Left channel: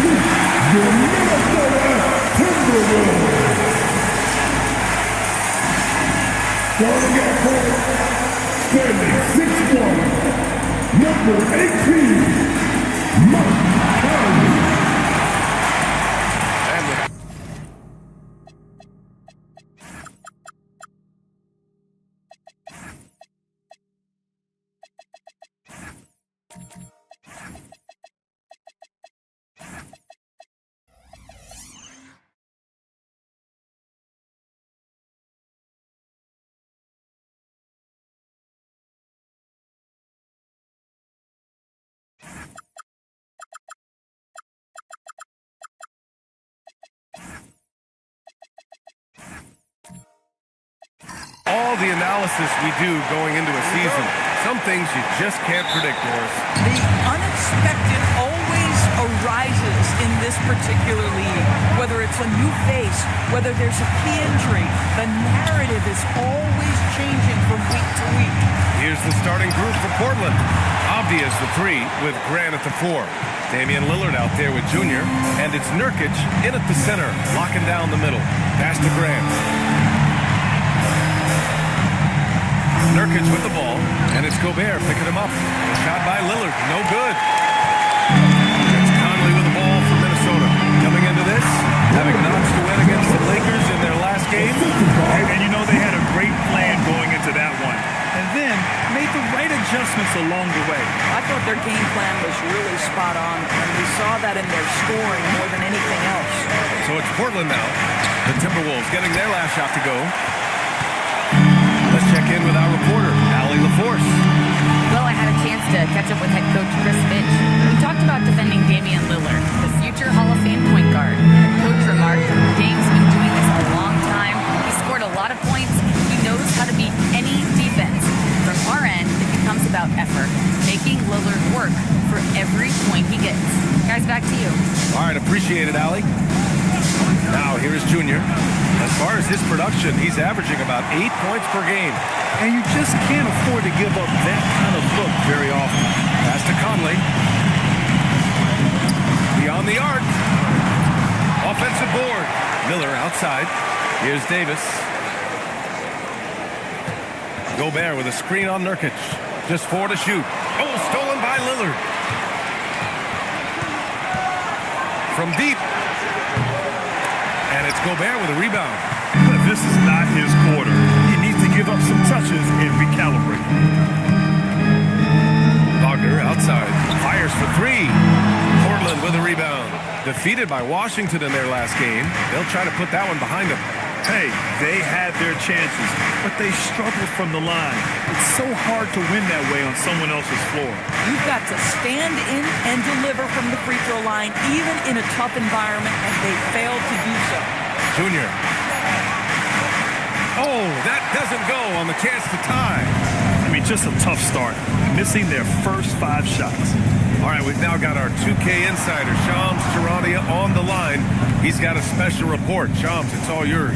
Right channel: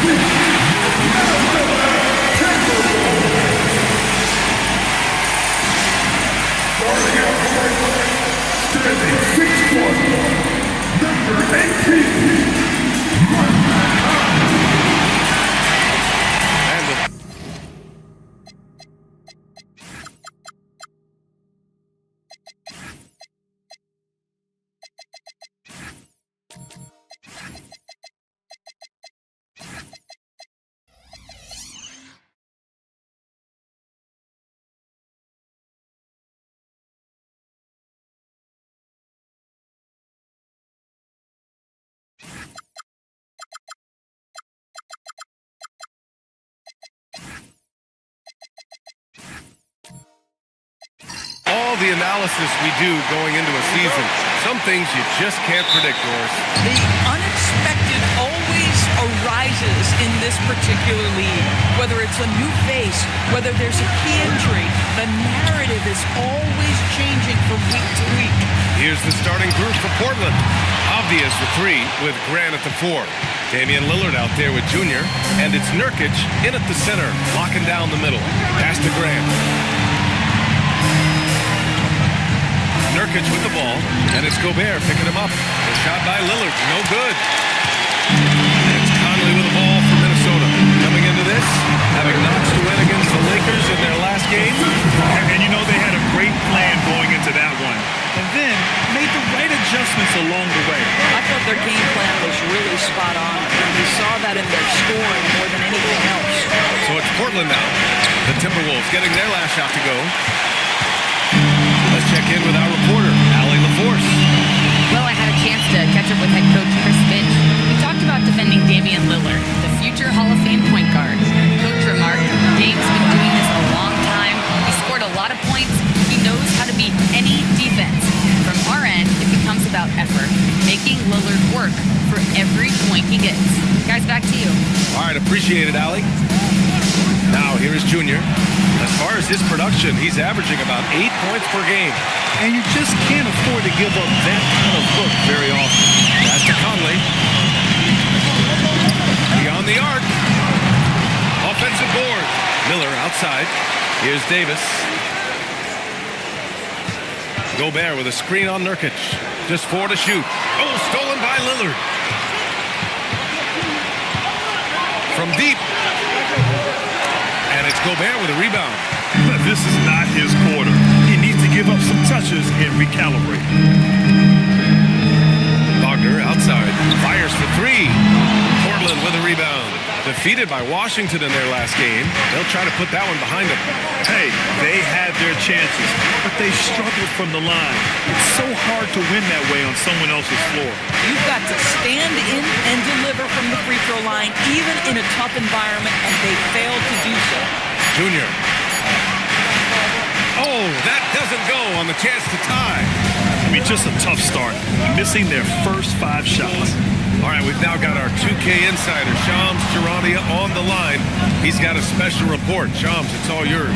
sweep the Minnesota Timberwolves. Starting at point, standing 6'1", number 18, Mike Conley. And the all the analysis we do going into a season, some things you just can't predict, Doris. The unexpected always arises in this particular league. Whether it's a new face, whether there's a key injury, the narrative is always changing from week to week. Here's the starting group for Portland. Obvious the 3 with Grant at the 4. Damian Lillard out there with Junior, and it's Nurkic in at the center, locking down the middle. Pass to Grant. Nurkic with the ball, and it's Gobert picking him up. A shot by Lillard, no good. And it's Conley with the ball for Minnesota. Coming into this, having notched to win against the Lakers in their last game. And you know they had a great plan going into that one. And then made the right adjustments along the way. I thought their game plan was really spot on, and we saw that in their scoring more than anything else. So it's Portland now. The Timberwolves getting their last shot to go. Let's check in with our reporter, Allie LaForce. Well, I had a chance to catch up with head coach Chris Finch. We talked about defending Damian Lillard, the future Hall of Fame point guard. Coach remarked, Dame's been doing this a long time. He scored a lot of points. He knows how to beat any defense. From our end, it becomes about effort, making Lillard work for every point he gets. Guys, back to you. All right, appreciate it, Allie. Now, here is Junior. As far as his production, he's averaging about 8 points per game. And you just can't afford to give up that kind of look very often. Pass to Conley. Beyond the arc. Offensive board. Miller outside. Here's Davis. Gobert with a screen on Nurkic. Just 4 to shoot. Oh, stolen by Lillard. From deep. And it's Gobert with a rebound. This is not his quarter. He needs to give up some touches and recalibrate. Wagner outside. Fires for 3. Portland with a rebound. Defeated by Washington in their last game. They'll try to put that one behind them. Hey, they had their chances, but they struggled from the line. It's so hard to win that way on someone else's floor. You've got to stand in and deliver from the free throw line, even in a tough environment, and they failed to do so. Junior. Oh, that doesn't go on the chance to tie. I mean, just a tough start, missing their first 5 shots. All right, we've now got our 2K insider, Shams Charania, on the line. He's got a special report. Shams, it's all yours.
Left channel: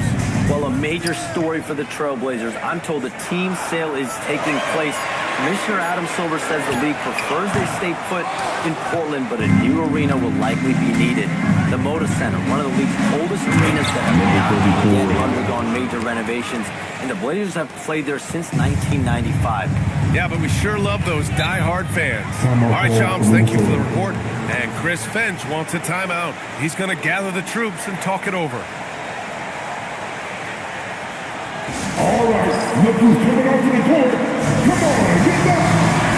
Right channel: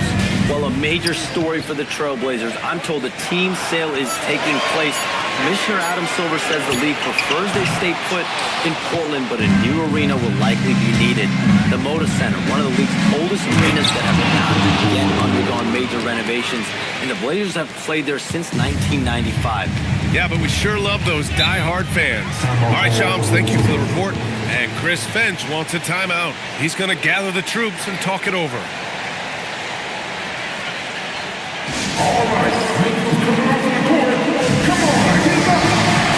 Well, a major story for the Trailblazers. I'm told a team sale is taking place. Commissioner Adam Silver says the league prefers they stay put in Portland, but a new arena will likely be needed. The Moda Center, one of the league's oldest arenas that have not yet undergone major renovations, and the Blazers have played there since 1995. Yeah, but we sure love those die-hard fans. All right, Shams, thank you for the report. And Chris Finch wants a timeout. He's going to gather the troops and talk it over. All right, look who's coming off to the court. Come on, get back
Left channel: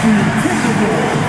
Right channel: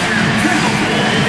to your Timberwolves.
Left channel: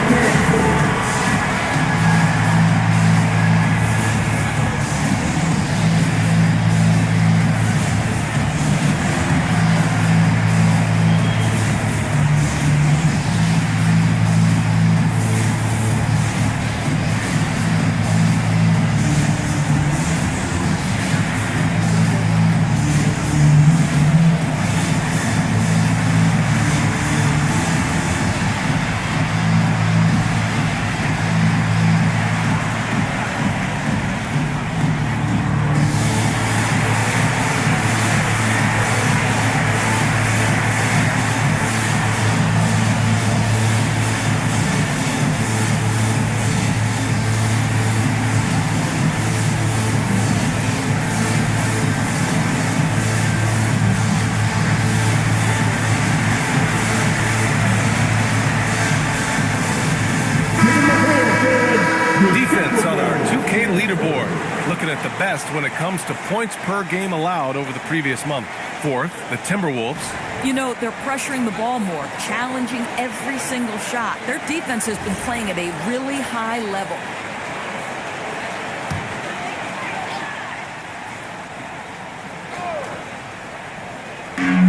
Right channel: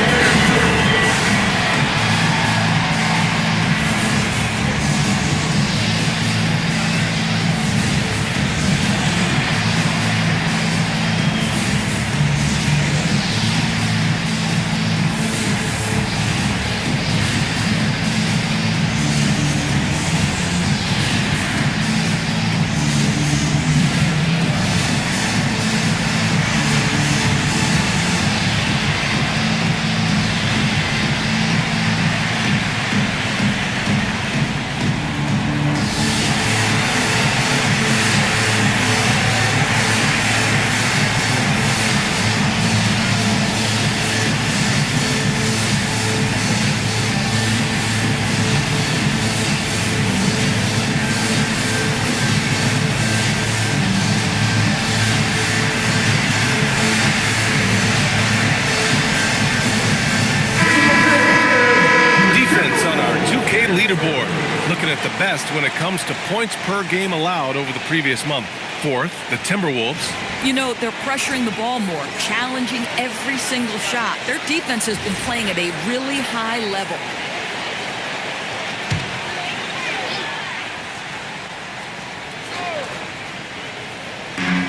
defense on our 2K leaderboard. Looking at the best when it comes to points per game allowed over the previous month. Fourth, the Timberwolves. You know, they're pressuring the ball more, challenging every single shot. Their defense has been playing at a really high level.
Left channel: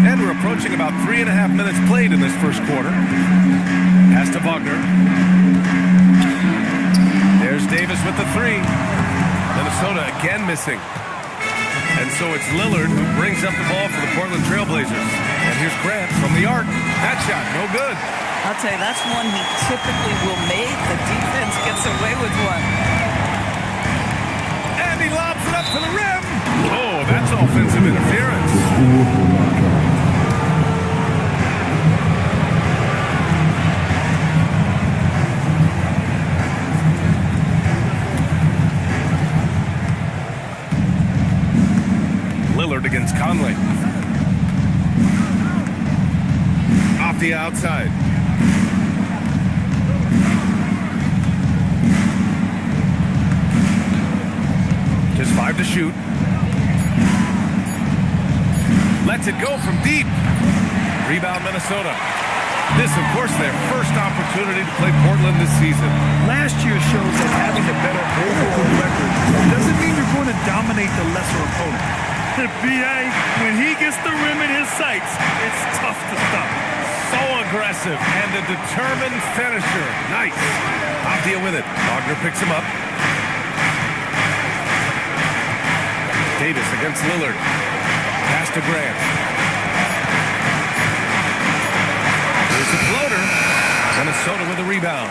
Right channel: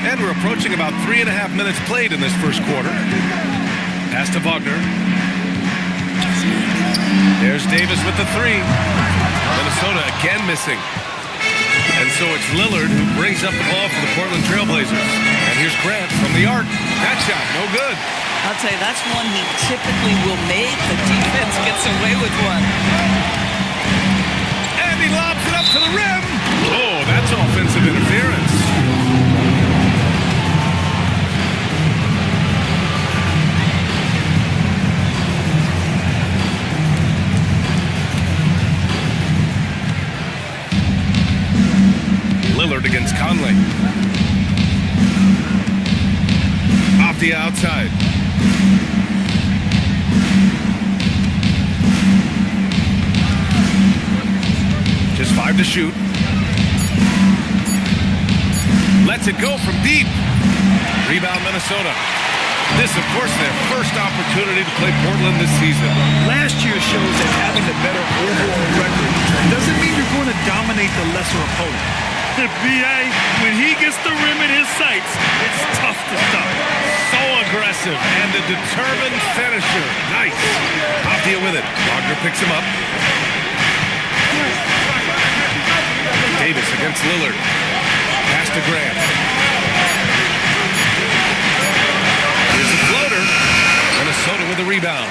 And we're approaching about 3.5 minutes played in this first quarter. Pass to Wagner. There's Davis with the three. Minnesota again missing. And so it's Lillard who brings up the ball for the Portland Trailblazers. And here's Grant from the arc. That shot, no good. I'll tell you, that's one he typically will make. The defense gets away with one. And he lobs it up to the rim. Oh, that's offensive interference. Lillard against Conley. Off the outside. Just 5 to shoot. Lets it go from deep. Rebound Minnesota. This, of course, their first opportunity to play Portland this season. Last year shows that having a better overall record doesn't mean you're going to dominate the lesser opponent. B.A., when he gets the rim in his sights, it's tough to stop. So aggressive and a determined finisher. Nice. Avdia with it. Wagner picks him up. Davis against Lillard. Pass to Grant. Here's the floater. Minnesota with a rebound.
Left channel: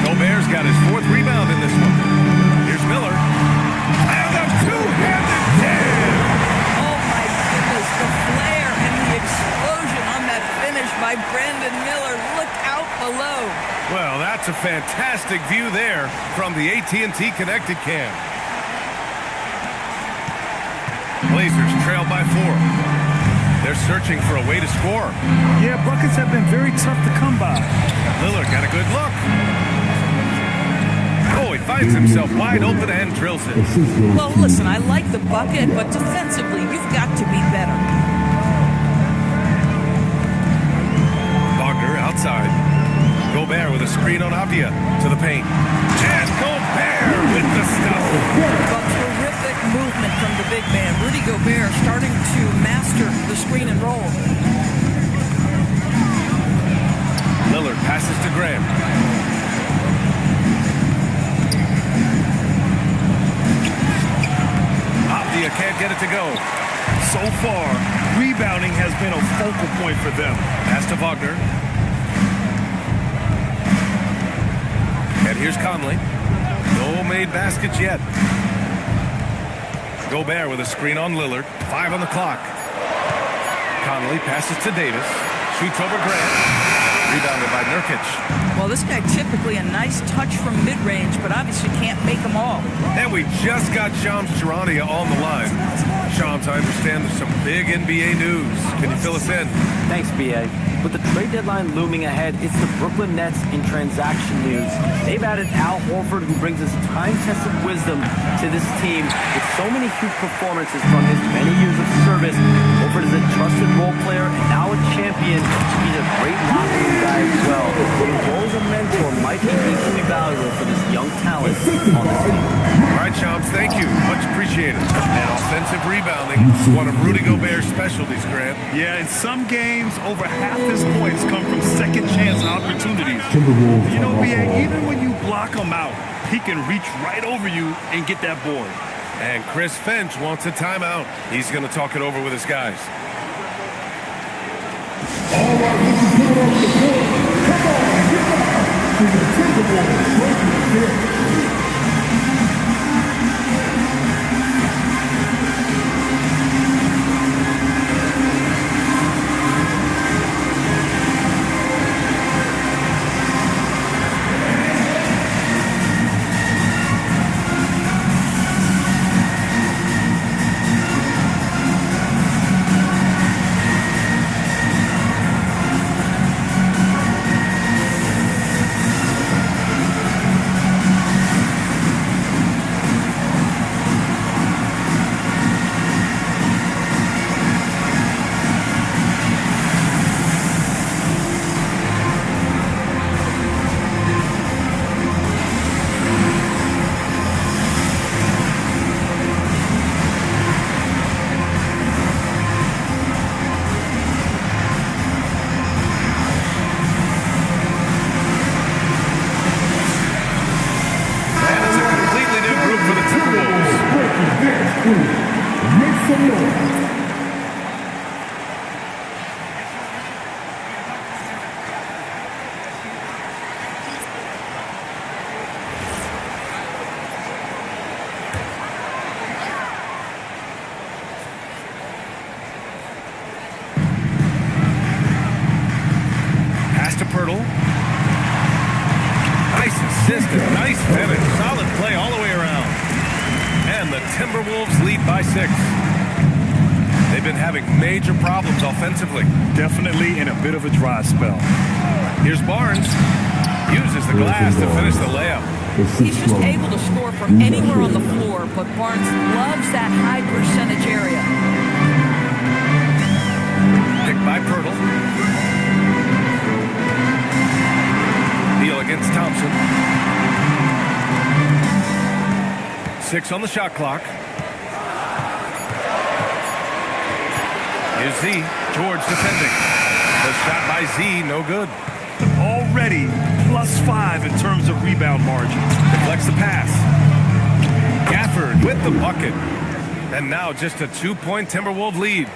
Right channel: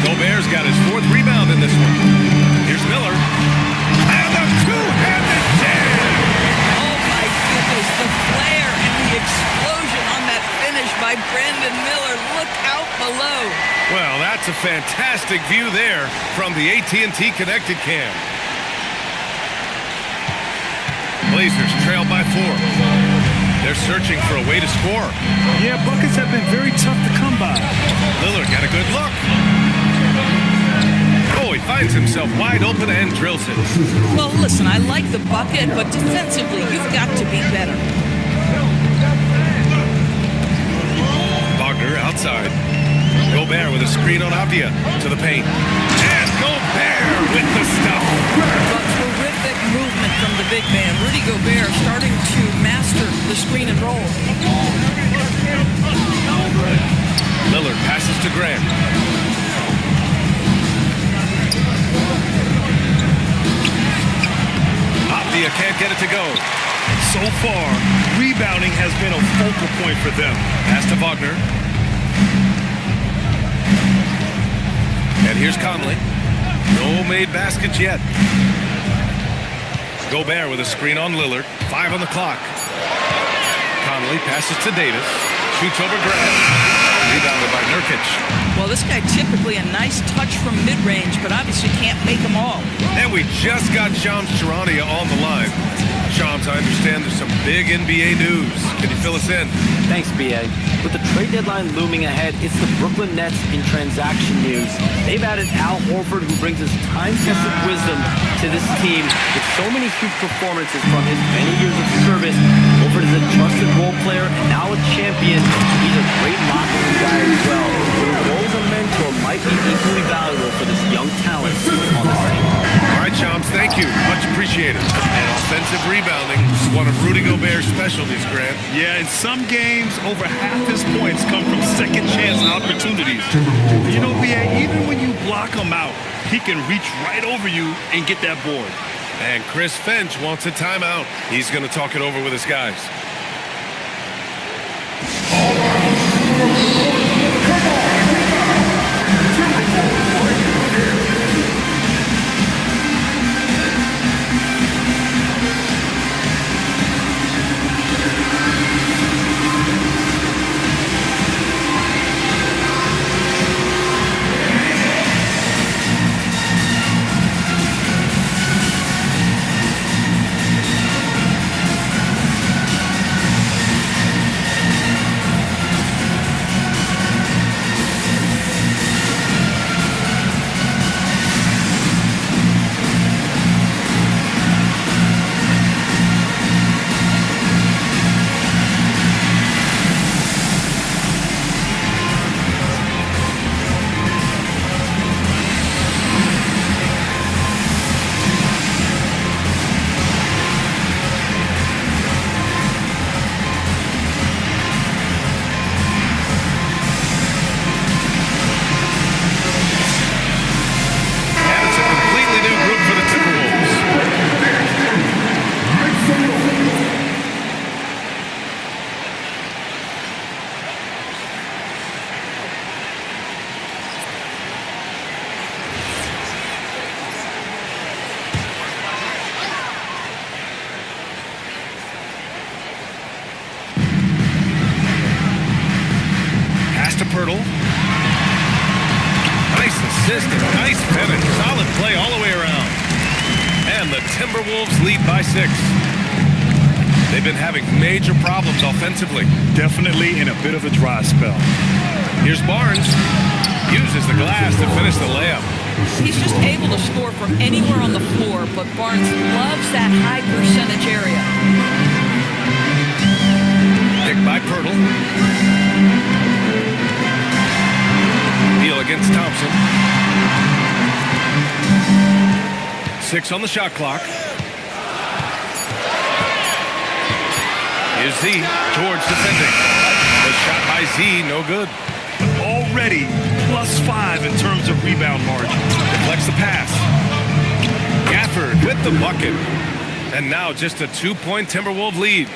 Gobert's got his 4th rebound in this one. Here's Miller. And a two-handed jam. The flare and the explosion on that finish by Brandon Miller. Look out below. Well, that's a fantastic view there from the AT&T Connected Cam. Blazers trail by 4. They're searching for a way to score. Yeah, buckets have been very tough to come by. Lillard got a good look. Oh, he finds himself wide open and drills it. Well, listen, I like the bucket, but defensively, you've got to be better. Wagner outside. Gobert with a screen on Avdia to the paint. And Gobert with the stuff. But terrific movement from the big man. Rudy Gobert starting to master the screen and roll. Lillard passes to Grant. Avdia can't get it to go. So far, rebounding has been a focal point for them. Pass to Wagner. And here's Conley. No made baskets yet. Gobert with a screen on Lillard. 5 on the clock. Conley passes to Davis. Shoots over Grant. Rebounded by Nurkic. Well, this guy typically a nice touch from mid-range, but obviously can't make them all. And we just got Shams Charania on the line. Shams, I understand there's some big NBA news. Can you fill us in? Thanks, B.A. With the trade deadline looming ahead, it's the Brooklyn Nets in transaction news. They've added Al Horford, who brings his time-tested wisdom to this team. With so many huge performances from his many years of service, Horford is a trusted role player and now a champion. He's a great locker room guy as well. So his role as a mentor might be equally valuable for this young talent on this team. All right, Shams, thank you. Much appreciated. And offensive rebounding is one of Rudy Gobert's specialties, Grant. Yeah, in some games, over half his points come from second chance opportunities. You know, B.A., even when you block him out, he can reach right over you and get that board. And Chris Finch wants a timeout. He's going to talk it over with his guys. Terminal. Pass to Pirtle. Nice assist and nice finish. Solid play all the way around. And the Timberwolves lead by 6. They've been having major problems offensively. Definitely in a bit of a dry spell. Here's Barnes. Uses the glass to finish the layup. He's just able to score from anywhere on the floor, but Barnes loves that high percentage area. Picked by Pirtle. Beal against Thompson. 6 on the shot clock. Here's Z. George defending. The shot by Z, no good. Already +5 in terms of rebound margin. Deflects the pass. Gafford with the bucket. And now just a 2-point Timberwolves lead.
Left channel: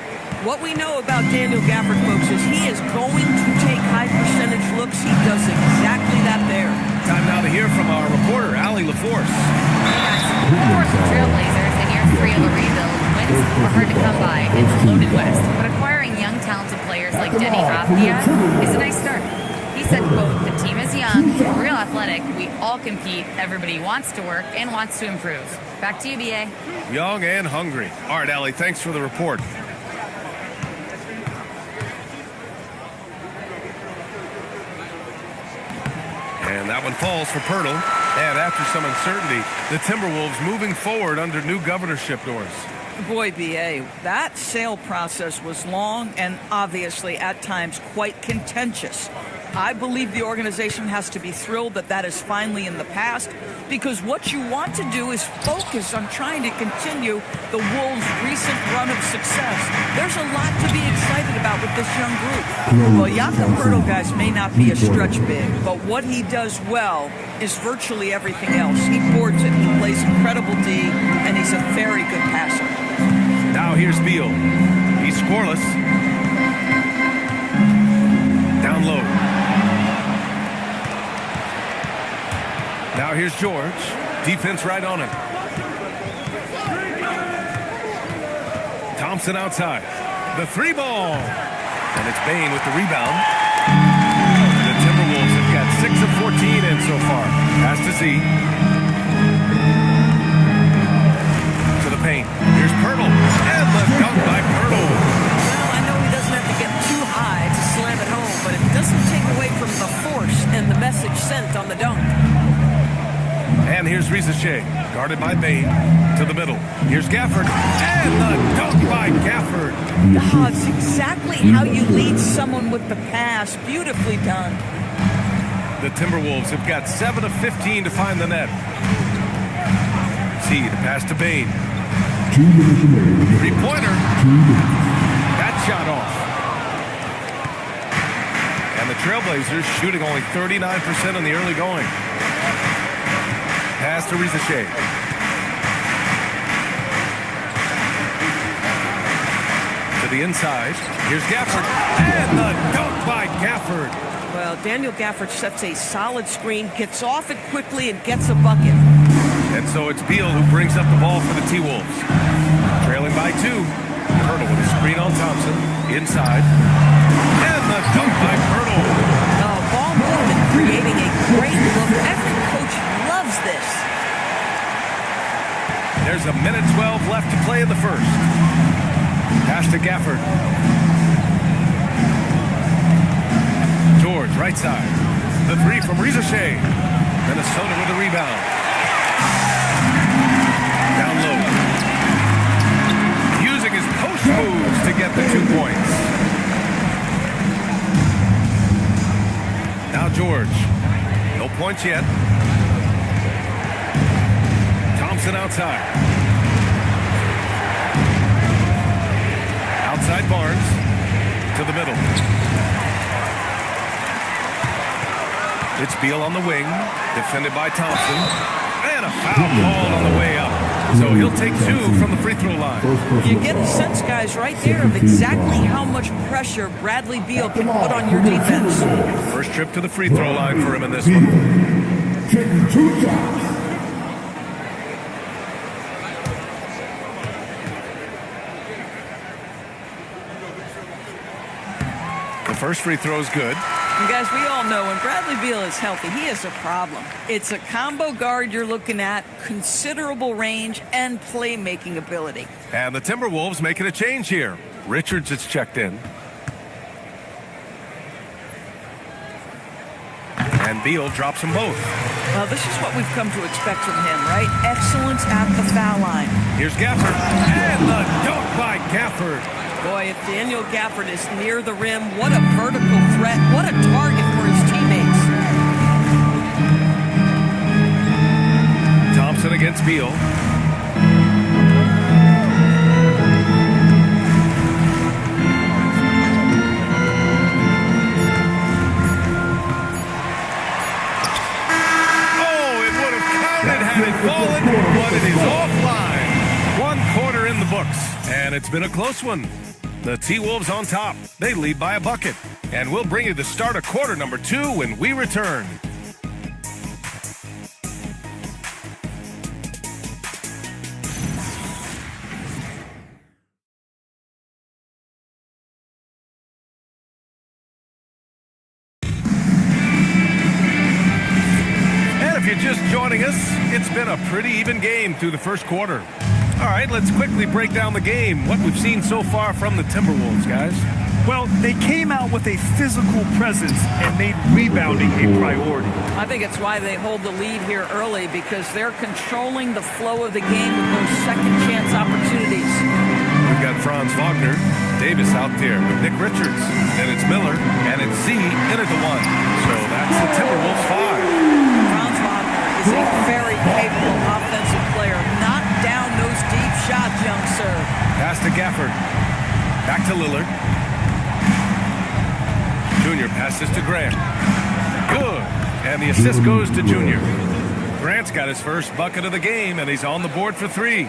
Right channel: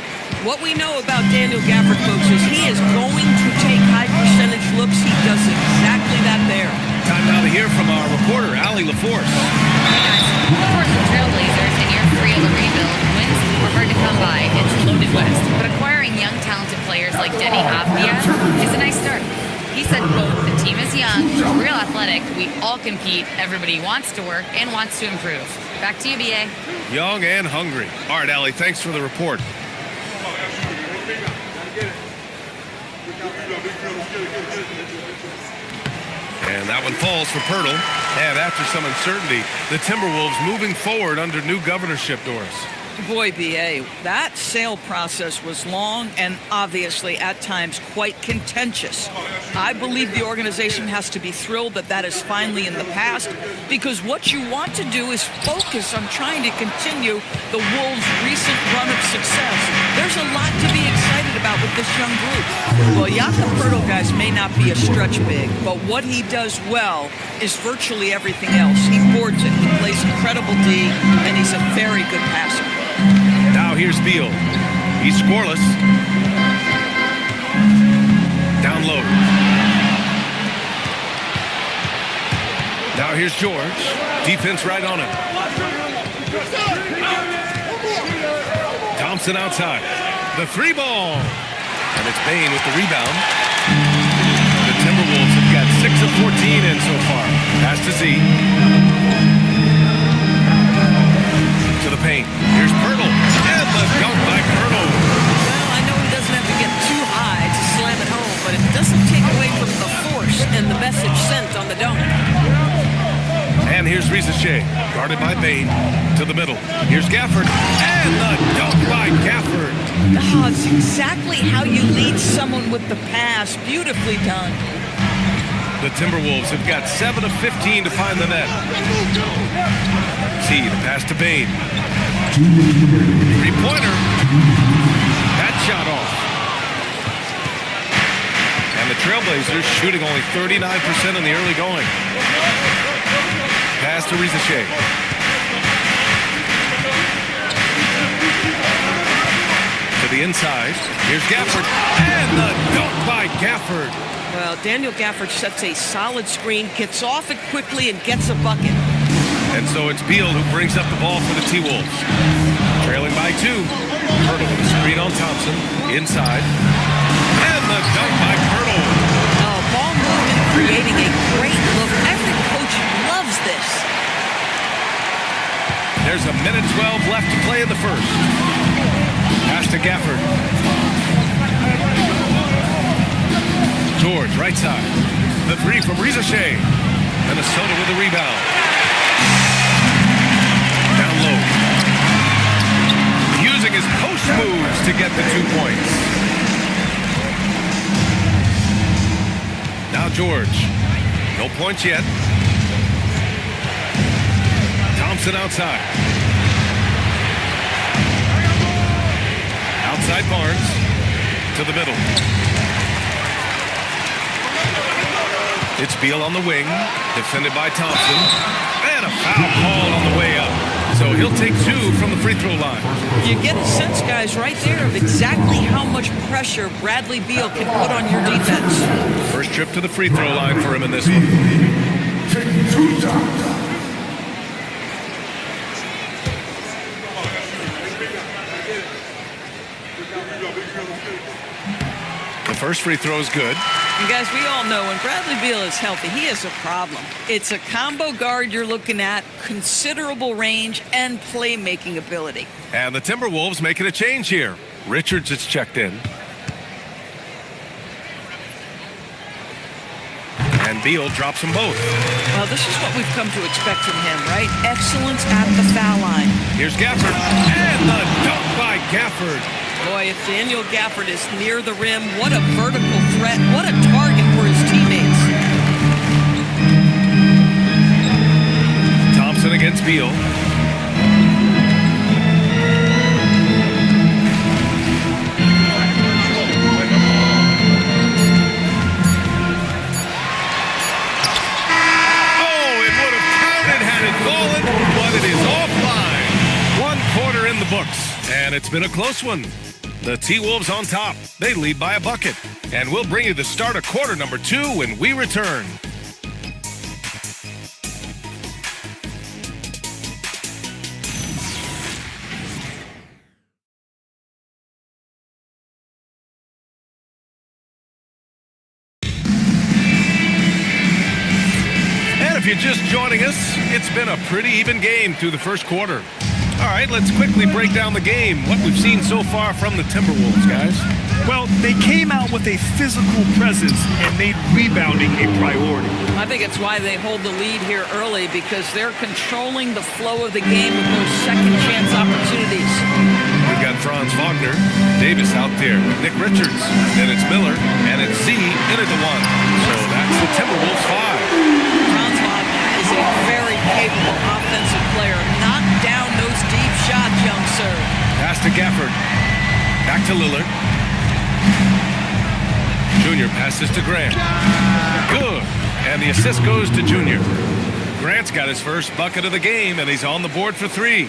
What we know about Daniel Gafford, folks, is he is going to take high percentage looks. He does exactly that there. Time now to hear from our reporter, Allie LaForce. Hey guys, the Portland Trailblazers in year 3 of a rebuild. Wins are hard to come by. It's loaded West. But acquiring young, talented players like Denny Avdia is a nice start. He said, quote, "The team is young, real athletic. We all compete. Everybody wants to work and wants to improve." Back to you, BA. Young and hungry. All right, Allie, thanks for the report. And that one falls for Pirtle. And after some uncertainty, the Timberwolves moving forward under new governorship doors. Boy, BA, that sale process was long and obviously at times quite contentious. I believe the organization has to be thrilled that that is finally in the past, because what you want to do is focus on trying to continue the Wolves' recent run of success. There's a lot to be excited about with this young group. Well, Jakob Poeltl, guys, may not be a stretch big, but what he does well is virtually everything else. He boards it, he plays incredible D, and he's a very good passer. Now here's Beal. He's scoreless. Down low. Now here's George. Defense right on him. Thompson outside. The 3 ball. And it's Bane with the rebound. The Timberwolves have got 6 of 14 in so far. Pass to Z. To the paint. Here's Pirtle. And the dunk by Pirtle. Well, I know he doesn't have to get too high to slam it home, but it doesn't take away from the force and the message sent on the dunk. And here's Rizachet, guarded by Bane, to the middle. Here's Gafford, and the dunk by Gafford. Oh, it's exactly how you lead someone with the pass. Beautifully done. The Timberwolves have got 7 of 15 to find the net. See the pass to Bane. 2 minutes remaining. 3-pointer. That shot off. And the Trailblazers shooting only 39% in the early going. Pass to Rizachet. To the inside. Here's Gafford. And the dunk by Gafford. Well, Daniel Gafford sets a solid screen, gets off it quickly, and gets a bucket. And so it's Beal who brings up the ball for the T-Wolves. Trailing by 2. Pirtle with a screen on Thompson. Inside. And the dunk by Pirtle. Oh, ball movement creating a great look. Every coach loves this. There's a minute 12 left to play in the first. Pass to Gafford. George, right side. The 3 from Rizachet. Minnesota with a rebound. Down low. Using his post moves to get the 2 points. Now George. No points yet. Thompson outside. Outside Barnes. To the middle. It's Beal on the wing. Defended by Thompson. And a foul called on the way up. So he'll take 2 from the free throw line. You get a sense, guys, right there of exactly how much pressure Bradley Beal can put on your defense. First trip to the free throw line for him in this one. Taking 2 shots. The first free throw is good. And guys, we all know when Bradley Beal is healthy, he is a problem. It's a combo guard you're looking at, considerable range and playmaking ability. And the Timberwolves making a change here. Richards is checked in. And Beal drops them both. Well, this is what we've come to expect from him, right? Excellence at the foul line. Here's Gafford. And the dunk by Gafford. Boy, if Daniel Gafford is near the rim, what a vertical threat. What a target for his teammates. Thompson against Beal. Oh, it would have counted had it fallen, but it is offline. 1 quarter in the books, and it's been a close one. The T-Wolves on top. They lead by a bucket. And we'll bring you the start of quarter number 2 when we return. And if you're just joining us, it's been a pretty even game through the first quarter. All right, let's quickly break down the game. What we've seen so far from the Timberwolves, guys. Well, they came out with a physical presence and made rebounding a priority. I think it's why they hold the lead here early, because they're controlling the flow of the game with those second chance opportunities. We've got Franz Wagner, Davis out there with Nick Richards. Then it's Miller, and it's Z in at the 1. So that's the Timberwolves 5. Franz Wagner is a very capable offensive player. Knock down those deep shots, young sir. Pass to Gafford. Back to Lillard. Junior passes to Grant. Good. And the assist goes to Junior. Grant's got his first bucket of the game, and he's on the board for 3.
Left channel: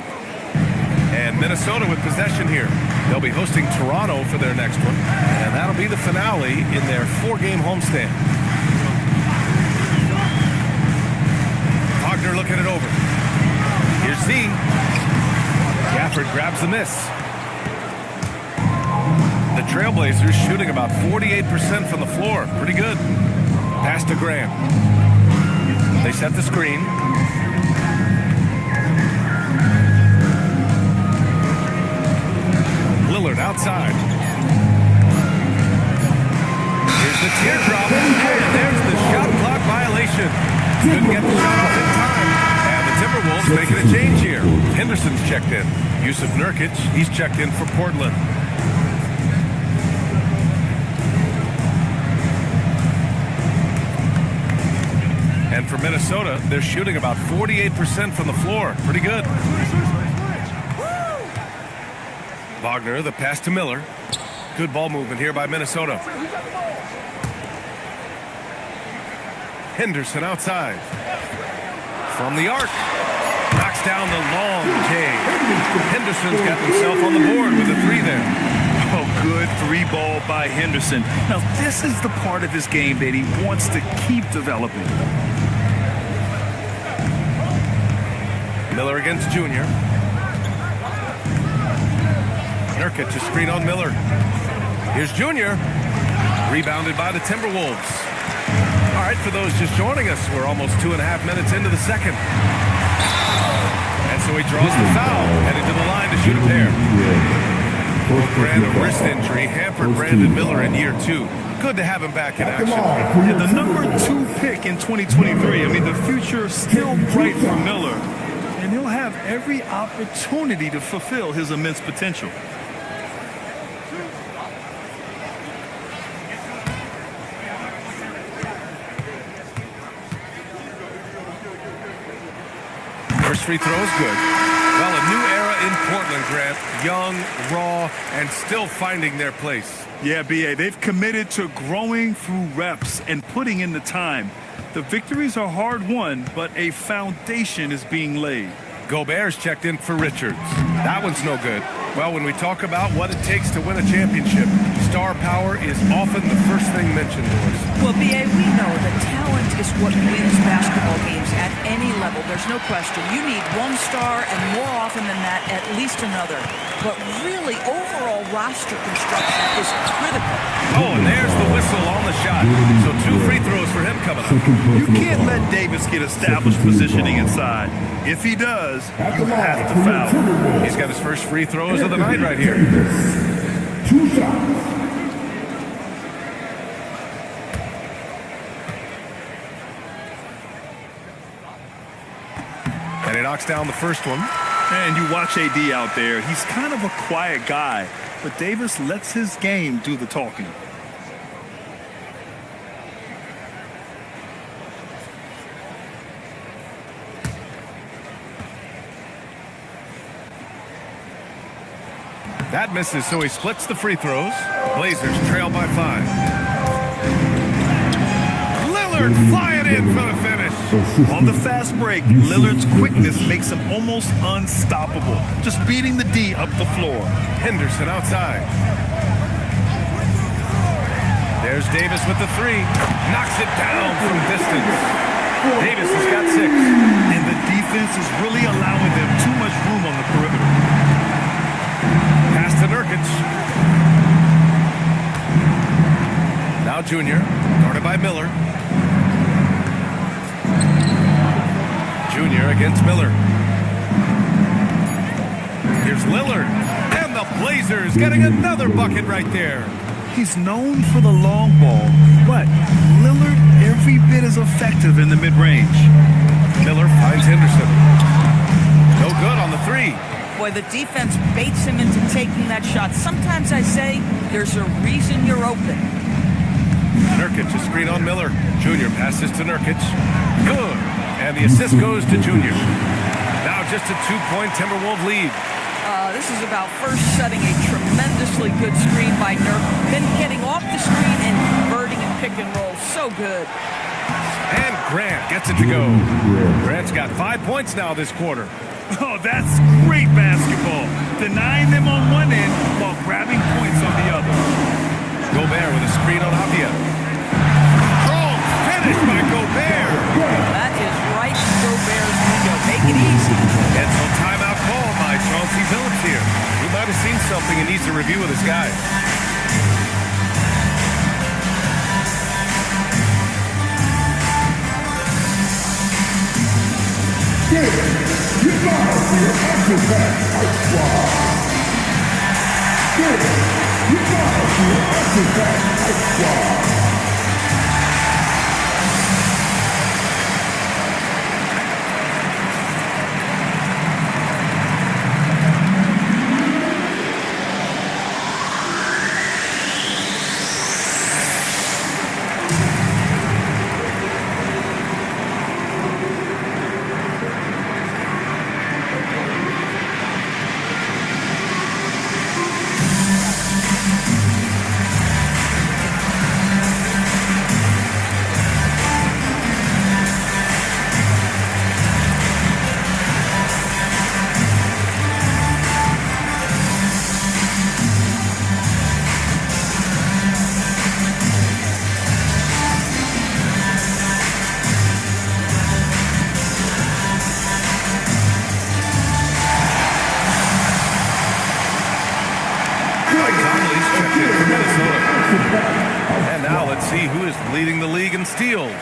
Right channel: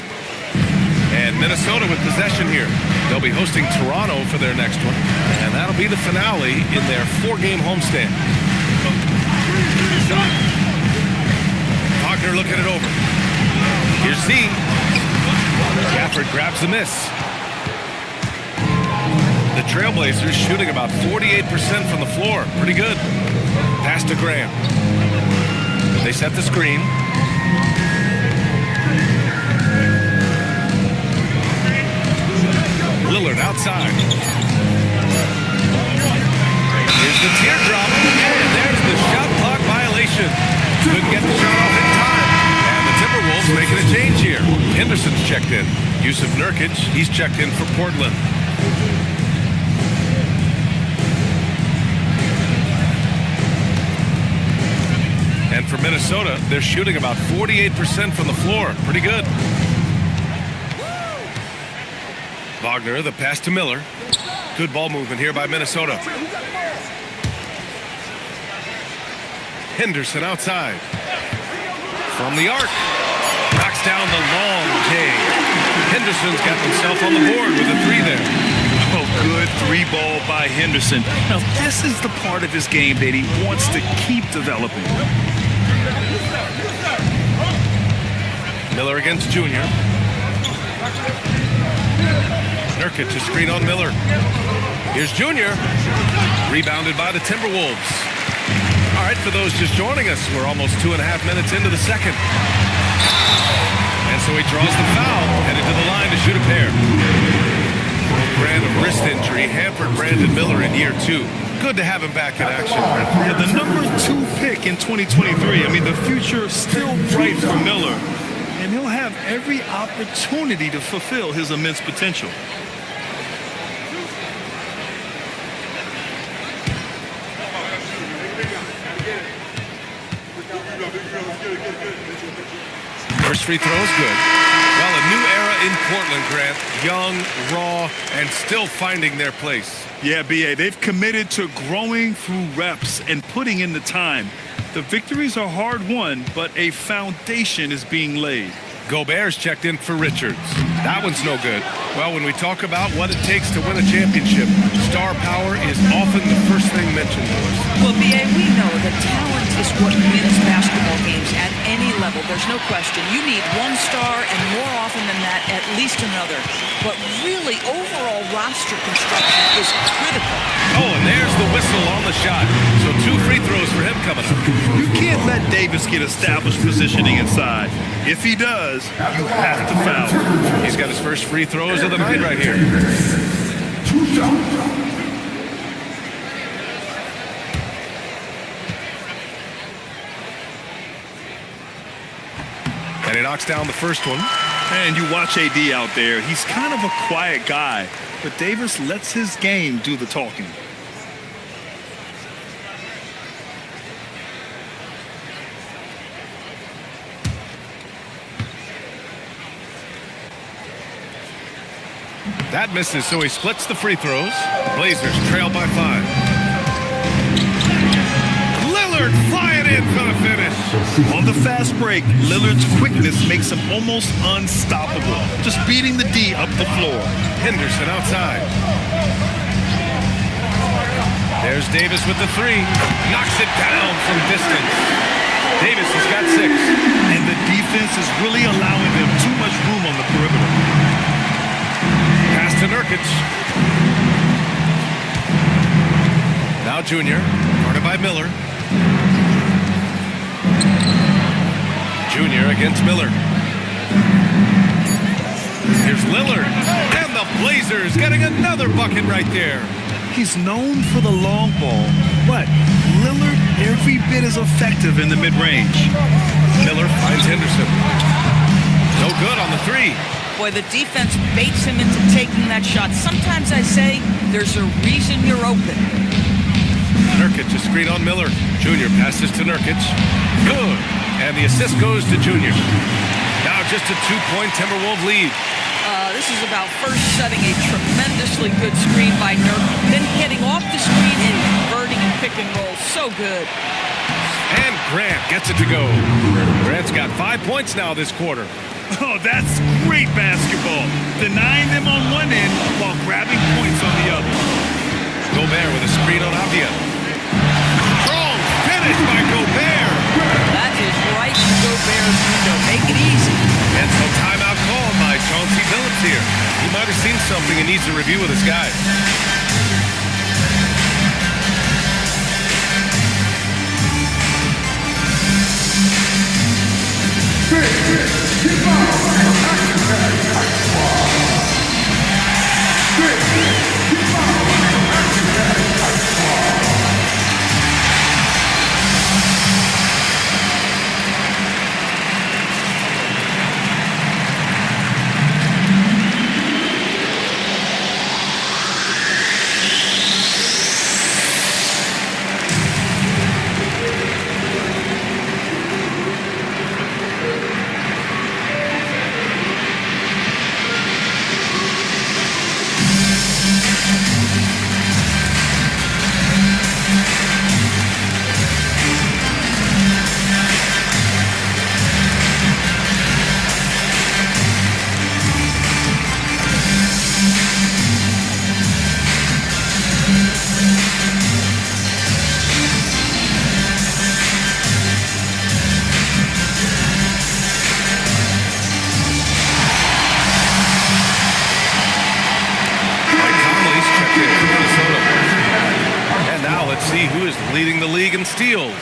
And Minnesota with possession here. They'll be hosting Toronto for their next one, and that'll be the finale in their 4-game homestand. Wagner looking it over. Here's Z. Gafford grabs the miss. The Trailblazers shooting about 48% from the floor. Pretty good. Pass to Graham. They set the screen. Lillard outside. Here's the teardrop, and there's the shot clock violation. Couldn't get the shot off in time. And the Timberwolves making a change here. Henderson's checked in. Yusuf Nurkic, he's checked in for Portland. And for Minnesota, they're shooting about 48% from the floor. Pretty good. Wagner, the pass to Miller. Good ball movement here by Minnesota. Henderson outside. From the arc. Knocks down the long J. Henderson's got himself on the board with a 3 there. Oh, good 3-ball by Henderson. Now, this is the part of his game that he wants to keep developing. Miller against Junior. Nurkic to screen on Miller. Here's Junior. Rebounded by the Timberwolves. All right, for those just joining us, we're almost 2.5 minutes into the second. And so he draws the foul, headed to the line to shoot a pair. Grant, a wrist injury, hampered Brandon Miller in year 2. Good to have him back in action. Yeah, the number 2 pick in 2023. I mean, the future is still bright for Miller. And he'll have every opportunity to fulfill his immense potential. First free throw is good. Well, a new era in Portland, Grant. Young, raw, and still finding their place. Yeah, B.A., they've committed to growing through reps and putting in the time. The victories are hard won, but a foundation is being laid. Gobert's checked in for Richards. That one's no good. Well, when we talk about what it takes to win a championship, star power is often the first thing mentioned, Doris. Well, B.A., we know that talent is what wins basketball games at any level. There's no question. You need one star, and more often than that, at least another. But really, overall roster construction is critical. Oh, and there's the whistle on the shot. So 2 free throws for him coming up. You can't let Davis get established positioning inside. If he does, you have to foul him. He's got his first free throws of the night right here. 2 shots. And he knocks down the first one. And you watch AD out there. He's kind of a quiet guy, but Davis lets his game do the talking. That misses, so he splits the free throws. Blazers trail by 5. Lillard flying in for the finish. On the fast break, Lillard's quickness makes him almost unstoppable, just beating the D up the floor. Henderson outside. There's Davis with the 3. Knocks it down from distance. Davis has got 6. And the defense is really allowing them too much room on the perimeter. Pass to Nurkic. Now Junior, guarded by Miller. Junior against Miller. Here's Lillard. And the Blazers getting another bucket right there. He's known for the long ball, but Lillard every bit as effective in the mid-range. Miller finds Henderson. No good on the 3. Boy, the defense baits him into taking that shot. Sometimes I say there's a reason you're open. Nurkic, a screen on Miller. Junior passes to Nurkic. Good. And the assist goes to Junior. Now just a 2-point Timberwolves lead. This is about first setting a tremendously good screen by Nurk, then getting off the screen and converting and pick and roll. So good. And Grant gets it to go. Grant's got 5 points now this quarter. Oh, that's great basketball. Denying them on one end while grabbing points on the other. Gobert with a screen on Avdia. Strong finish by Gobert. That is right in Gobert's window. Make it easy. And so timeout called by Chauncey Billups here. He might have seen something and needs to review with his guys. Get out of your action tag. I squad. Get out of your action tag. I squad. Checked in for Minnesota. And now let's see who is leading the league in steals.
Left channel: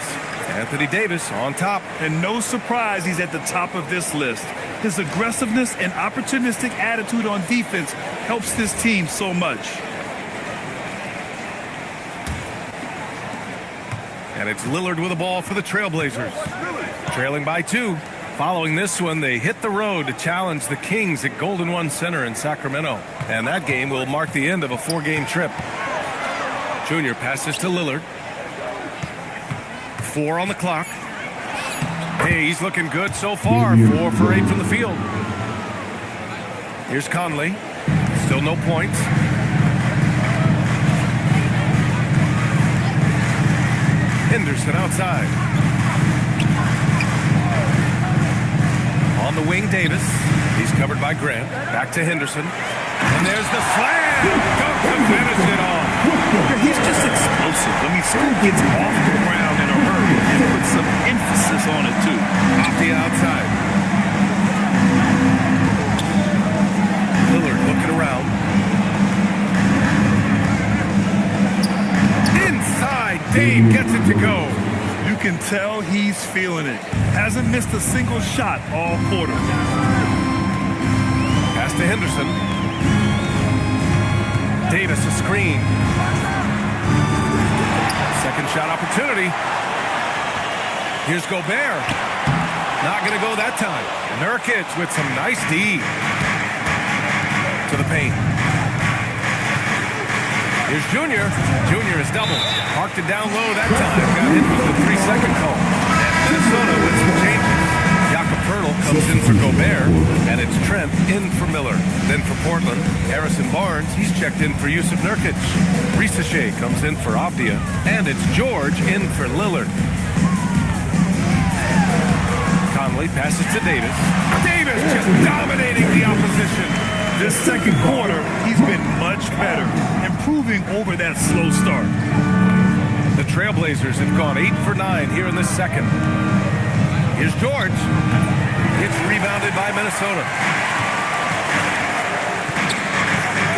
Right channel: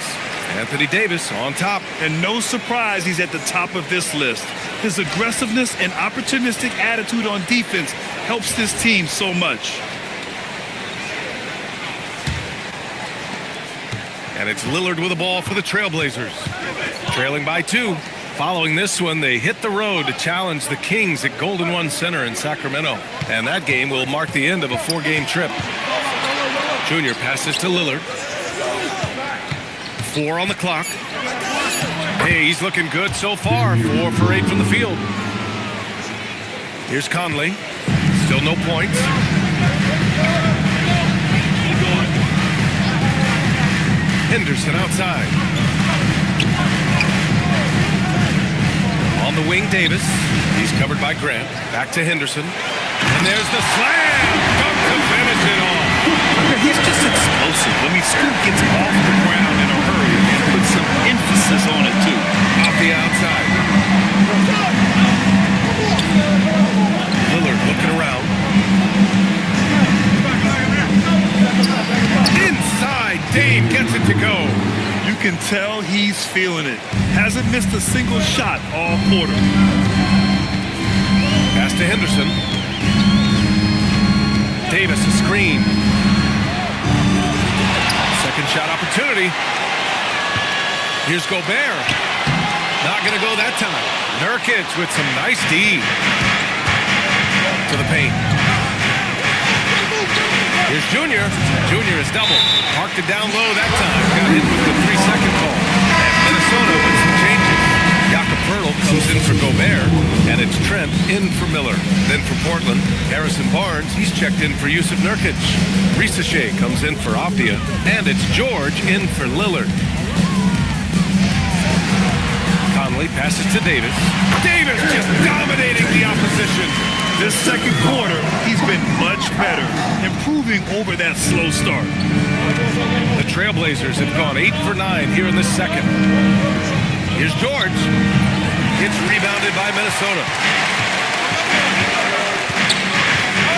Anthony Davis on top. And no surprise he's at the top of this list. His aggressiveness and opportunistic attitude on defense helps this team so much. And it's Lillard with the ball for the Trailblazers. Trailing by 2. Following this one, they hit the road to challenge the Kings at Golden One Center in Sacramento. And that game will mark the end of a 4-game trip. Junior passes to Lillard. 4 on the clock. Hey, he's looking good so far. 4 for 8 from the field. Here's Conley. Still no points. Henderson outside. On the wing, Davis. He's covered by Grant. Back to Henderson. And there's the slam! Dunk to finish it off. Yeah, he's just explosive. I mean, Scoot gets off the ground in a hurry and puts some emphasis on it, too. Off the outside. Lillard looking around. Inside, Dame gets it to go. You can tell he's feeling it. Hasn't missed a single shot all quarter. Pass to Henderson. Davis a screen. Second shot opportunity. Here's Gobert. Not going to go that time. Nurkic with some nice D. To the paint. Here's Junior. Junior is doubled. Parked it down low that time. Got hit with the 3-second call. And Minnesota with some changes. Jakob Poeltl comes in for Gobert, and it's Trent in for Miller. Then for Portland, Harrison Barnes, he's checked in for Yusuf Nurkic. Reese comes in for Avdia, and it's George in for Lillard. Conley passes to Davis. Davis just dominating the opposition. This second quarter, he's been much better, improving over that slow start. The Trailblazers have gone 8 for 9 here in the second. Here's George. It's rebounded by Minnesota.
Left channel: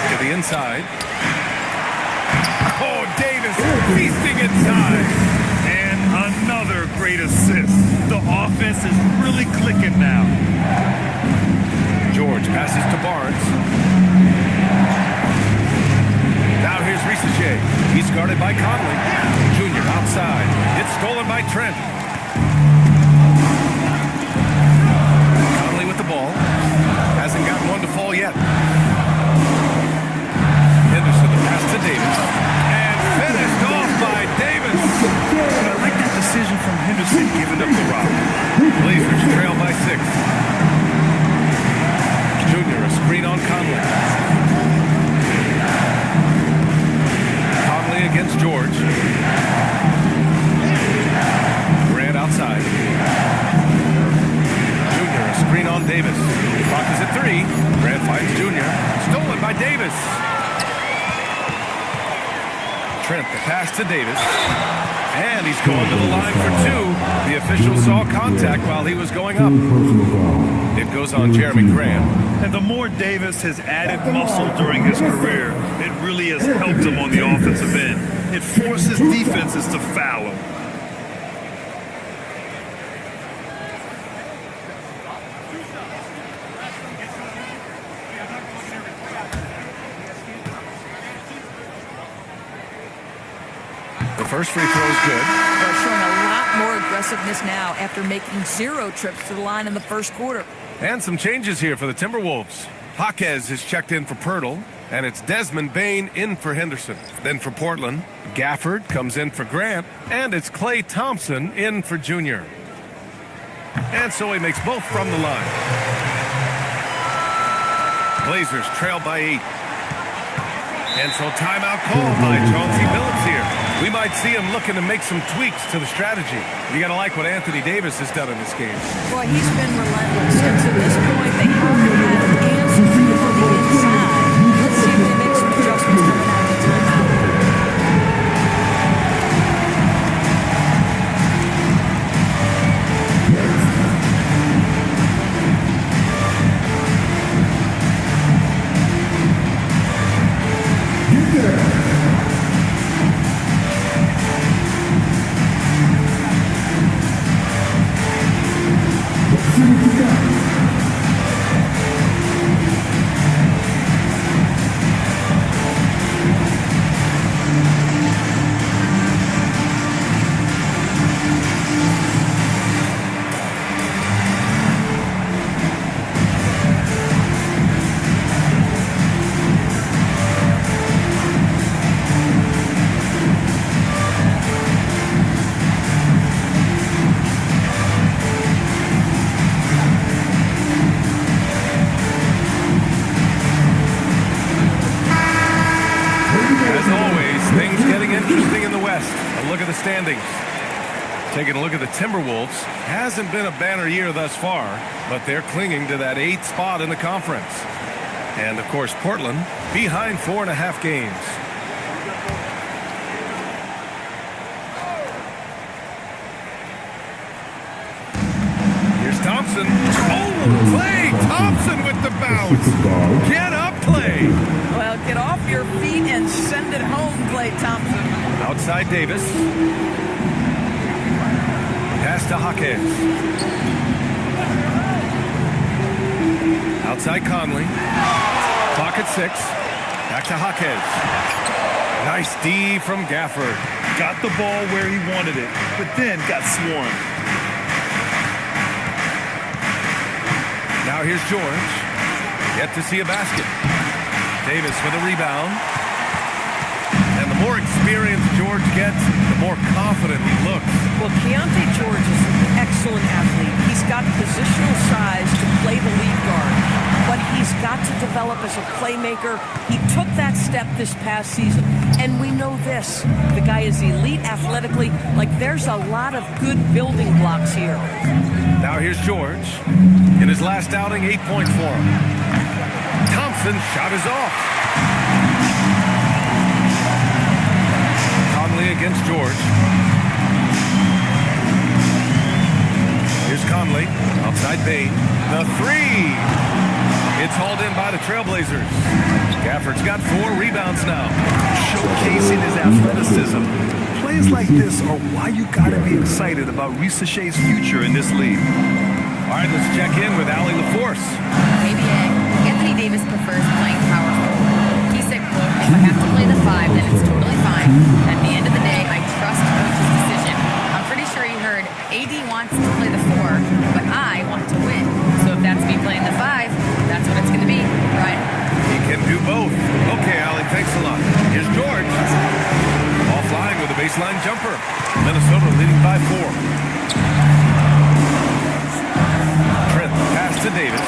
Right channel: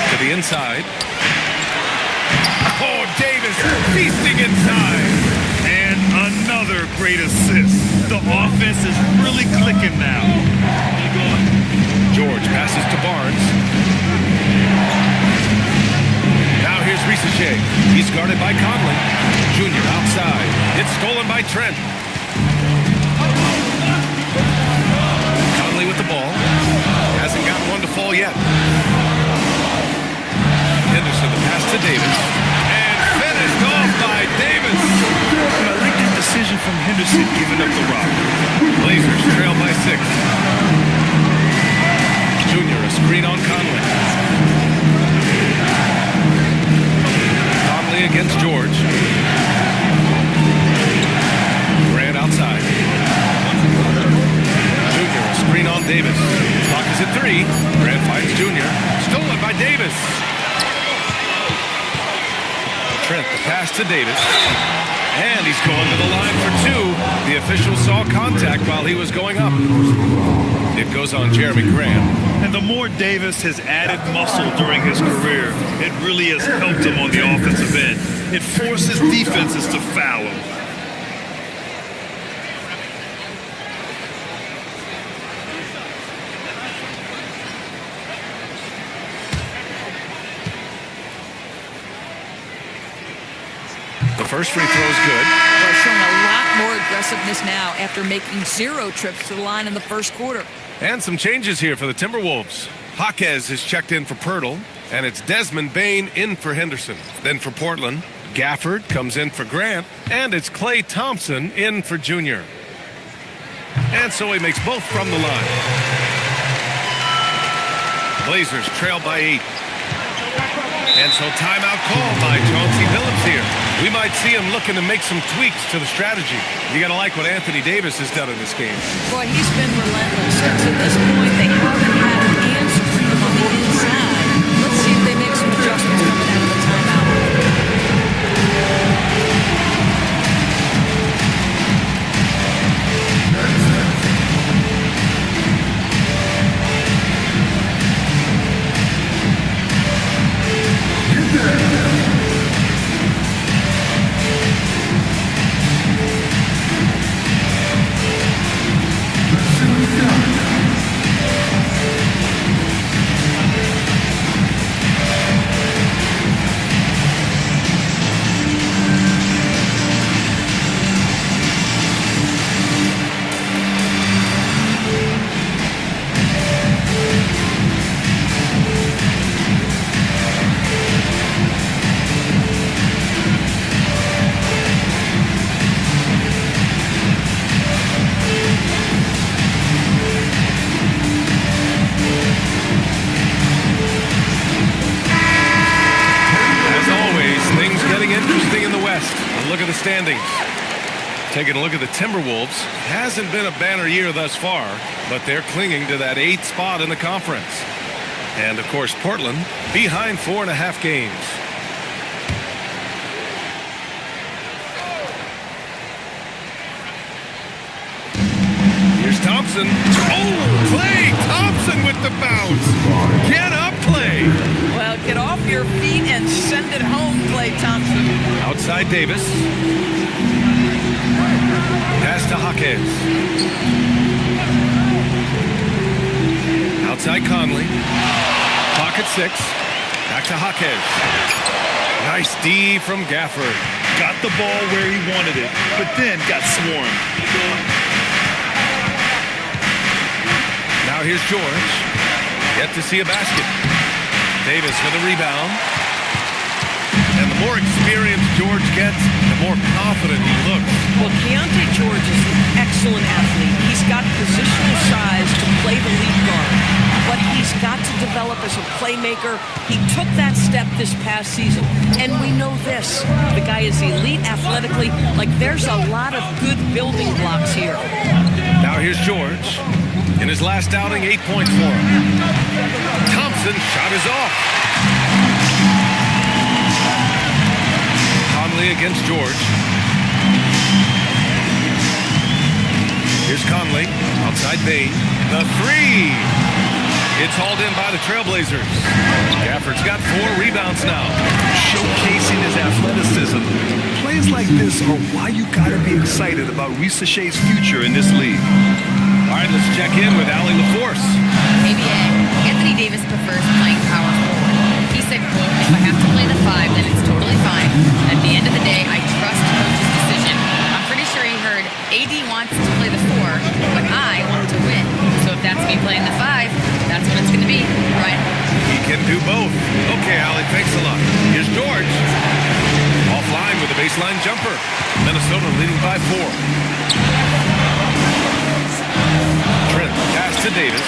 To the inside. Oh, Davis feasting inside. And another great assist. The offense is really clicking now. George passes to Barnes. Now here's Reese. He's guarded by Conley. Junior outside. It's stolen by Trent. Conley with the ball. Hasn't gotten one to fall yet. Henderson, the pass to Davis. And finished off by Davis. But I like that decision from Henderson giving up the rock. Blazers trail by 6. Junior, a screen on Conley. Conley against George. Grant outside. Junior, a screen on Davis. Clock is at 3. Grant finds Junior. Stolen by Davis. Trent, the pass to Davis. And he's going to the line for 2. The official saw contact while he was going up. It goes on Jeremy Grant. And the more Davis has added muscle during his career, it really has helped him on the offensive end. It forces defenses to foul him. The first free throw is good. Well, showing a lot more aggressiveness now after making 0 trips to the line in the first quarter. And some changes here for the Timberwolves. Jaquez is checked in for Poeltl, and it's Desmond Bane in for Henderson. Then for Portland, Gafford comes in for Grant, and it's Klay Thompson in for Junior. And so he makes both from the line. Blazers trail by 8. And so timeout called by Chauncey Billups here. We might see him looking to make some tweaks to the strategy. You got to like what Anthony Davis has done in this game. Boy, he's been relentless. And to this point, they haven't had an answer for him on the inside. Let's see if they make some adjustments coming out of the timeout. As always, things getting interesting in the West. A look at the standings. Taking a look at the Timberwolves, hasn't been a banner year thus far, but they're clinging to that 8th spot in the conference. And of course, Portland behind 4.5 games. Here's Thompson. Oh, Klay Thompson with the bounce. Get up, Klay. Well, get off your feet and send it home, Klay Thompson. Outside Davis. Pass to Jaquez. Outside Conley. Clock at 6. Back to Jaquez. Nice D from Gafford. Got the ball where he wanted it, but then got swarmed. Now here's George. Yet to see a basket. Davis with a rebound. And the more experience George gets, the more confident he looks. Well, Keontae George is an excellent athlete. He's got positional size to play the lead guard, but he's got to develop as a playmaker. He took that step this past season, and we know this. The guy is elite athletically. Like, there's a lot of good building blocks here. Now here's George. In his last outing, 8 points for him. Thompson's shot is off. Conley against George. Here's Conley. Outside Bane. The 3. It's hauled in by the Trailblazers. Gafford's got 4 rebounds now. Showcasing his athleticism. Plays like this are why you gotta be excited about Reese Shea's future in this league. All right, let's check in with Allie LaForce. ABA, Anthony Davis prefers playing power forward. He said, quote, if I have to play the 5, then it's totally fine. At the end of the day, I trust coach's decision. I'm pretty sure he heard AD wants to play the 4, but I want to win. So if that's me playing the 5, that's what it's going to be, right? He can do both. Okay, Allie, thanks a lot. Here's George. Offline with a baseline jumper. Minnesota leading by 4. Trent pass to Davis.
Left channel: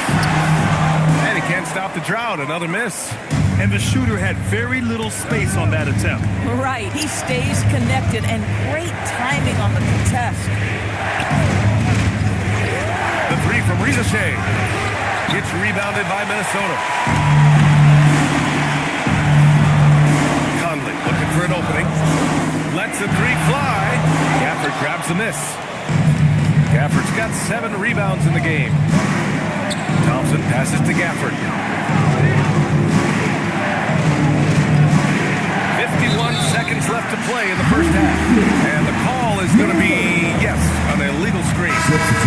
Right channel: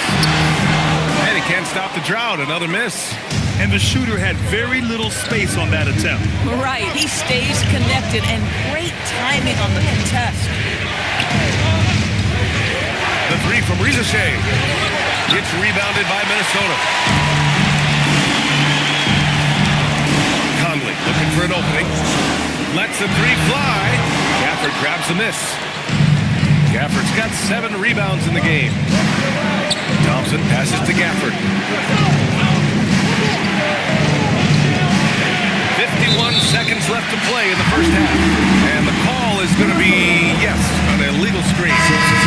And he can't stop the drought. Another miss. And the shooter had very little space on that attempt. Right. He stays connected, and great timing on the contest. The 3 from Reese Shea. It's rebounded by Minnesota. Conley looking for an opening. Lets the 3 fly. Gafford grabs the miss. Gafford's got 7 rebounds in the game. Thompson passes to Gafford. 51 seconds left to play in the first half. And the call is going to be, yes, an illegal screen.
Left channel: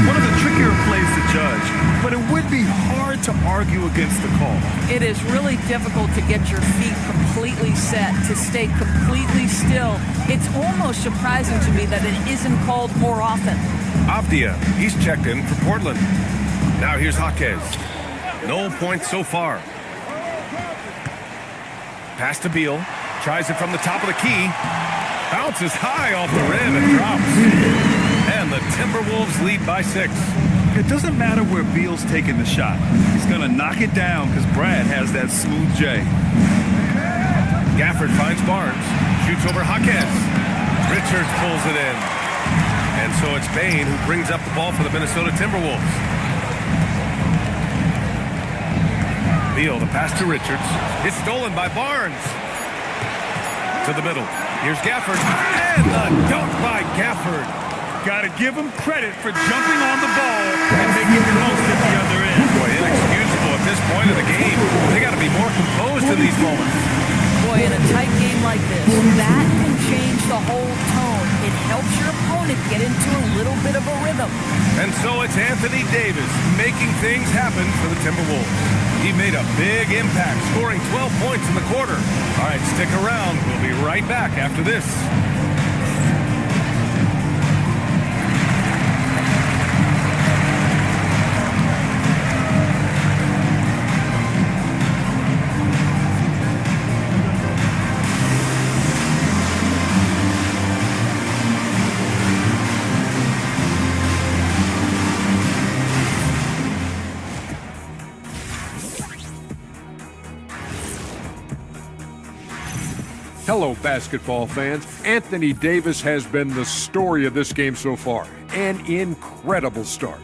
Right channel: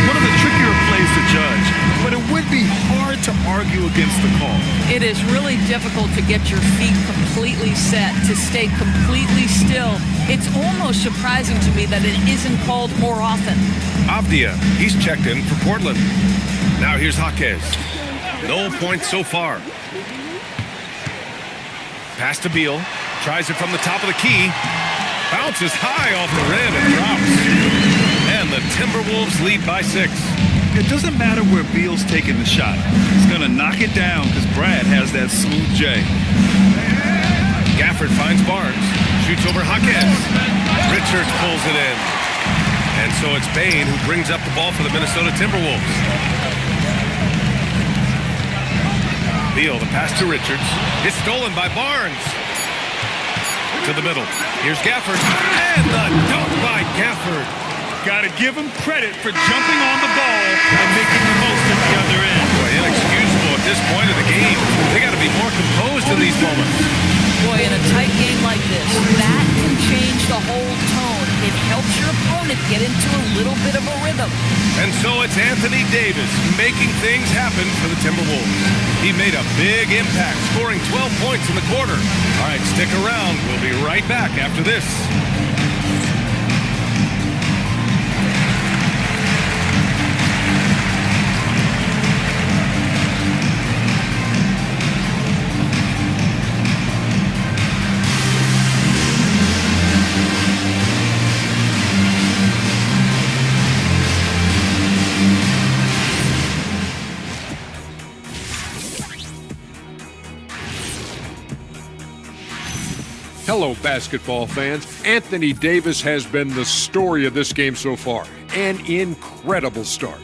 One of the trickier plays to judge, but it would be hard to argue against the call. It is really difficult to get your feet completely set, to stay completely still. It's almost surprising to me that it isn't called more often. Avdia, he's checked in for Portland. Now here's Jaquez. No points so far. Pass to Beal. Tries it from the top of the key. Bounces high off the rim and drops. And the Timberwolves lead by 6. It doesn't matter where Beal's taking the shot. He's going to knock it down because Brad has that smooth J. Gafford finds Barnes. Shoots over Jaquez. Richards pulls it in. And so it's Bane who brings up the ball for the Minnesota Timberwolves. Beal, the pass to Richards. It's stolen by Barnes. To the middle. Here's Gafford. And the dunk by Gafford. Got to give him credit for jumping on the ball and making the most at the other end. Boy, inexcusable at this point of the game. They got to be more composed in these moments. Boy, in a tight game like this, that can change the whole tone. It helps your opponent get into a little bit of a rhythm. And so it's Anthony Davis making things happen for the Timberwolves. He made a big impact, scoring 12 points in the quarter. All right, stick around. We'll be right back after this. Hello, basketball fans. Anthony Davis has been the story of this game so far. An incredible start.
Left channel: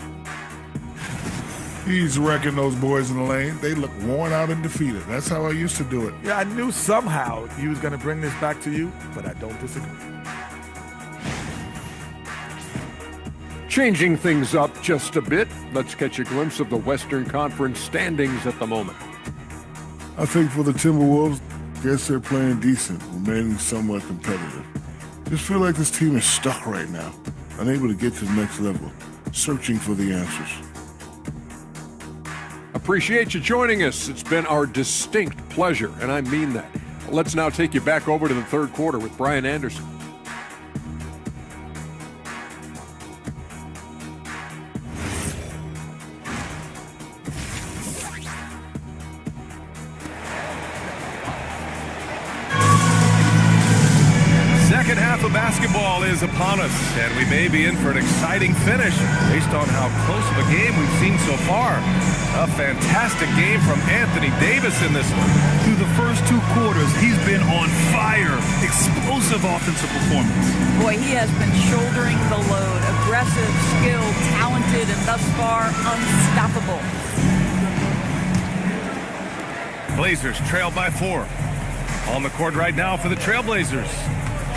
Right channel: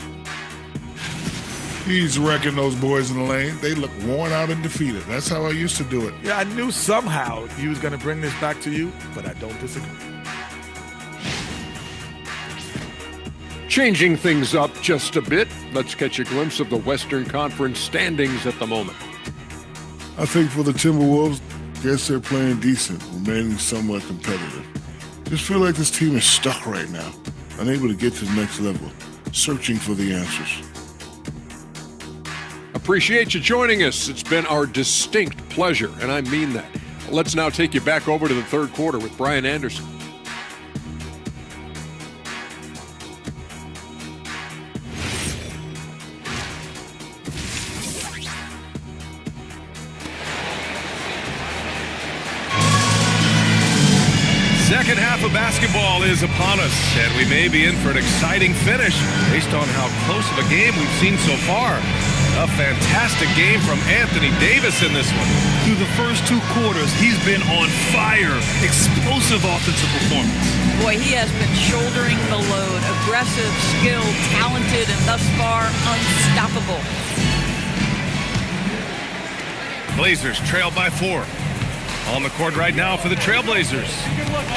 He's wrecking those boys in the lane. They look worn out and defeated. That's how I used to do it. Yeah, I knew somehow he was going to bring this back to you, but I don't disagree. Changing things up just a bit, let's catch a glimpse of the Western Conference standings at the moment. I think for the Timberwolves, guess they're playing decent, remaining somewhat competitive. Just feel like this team is stuck right now, unable to get to the next level, searching for the answers. Appreciate you joining us. It's been our distinct pleasure, and I mean that. Let's now take you back over to the third quarter with Brian Anderson. Second half of basketball is upon us, and we may be in for an exciting finish based on how close of a game we've seen so far. A fantastic game from Anthony Davis in this one. Through the first two quarters, he's been on fire. Explosive offensive performance. Boy, he has been shouldering the load. Aggressive, skilled, talented, and thus far unstoppable. Blazers trail by 4. On the court right now for the Trailblazers.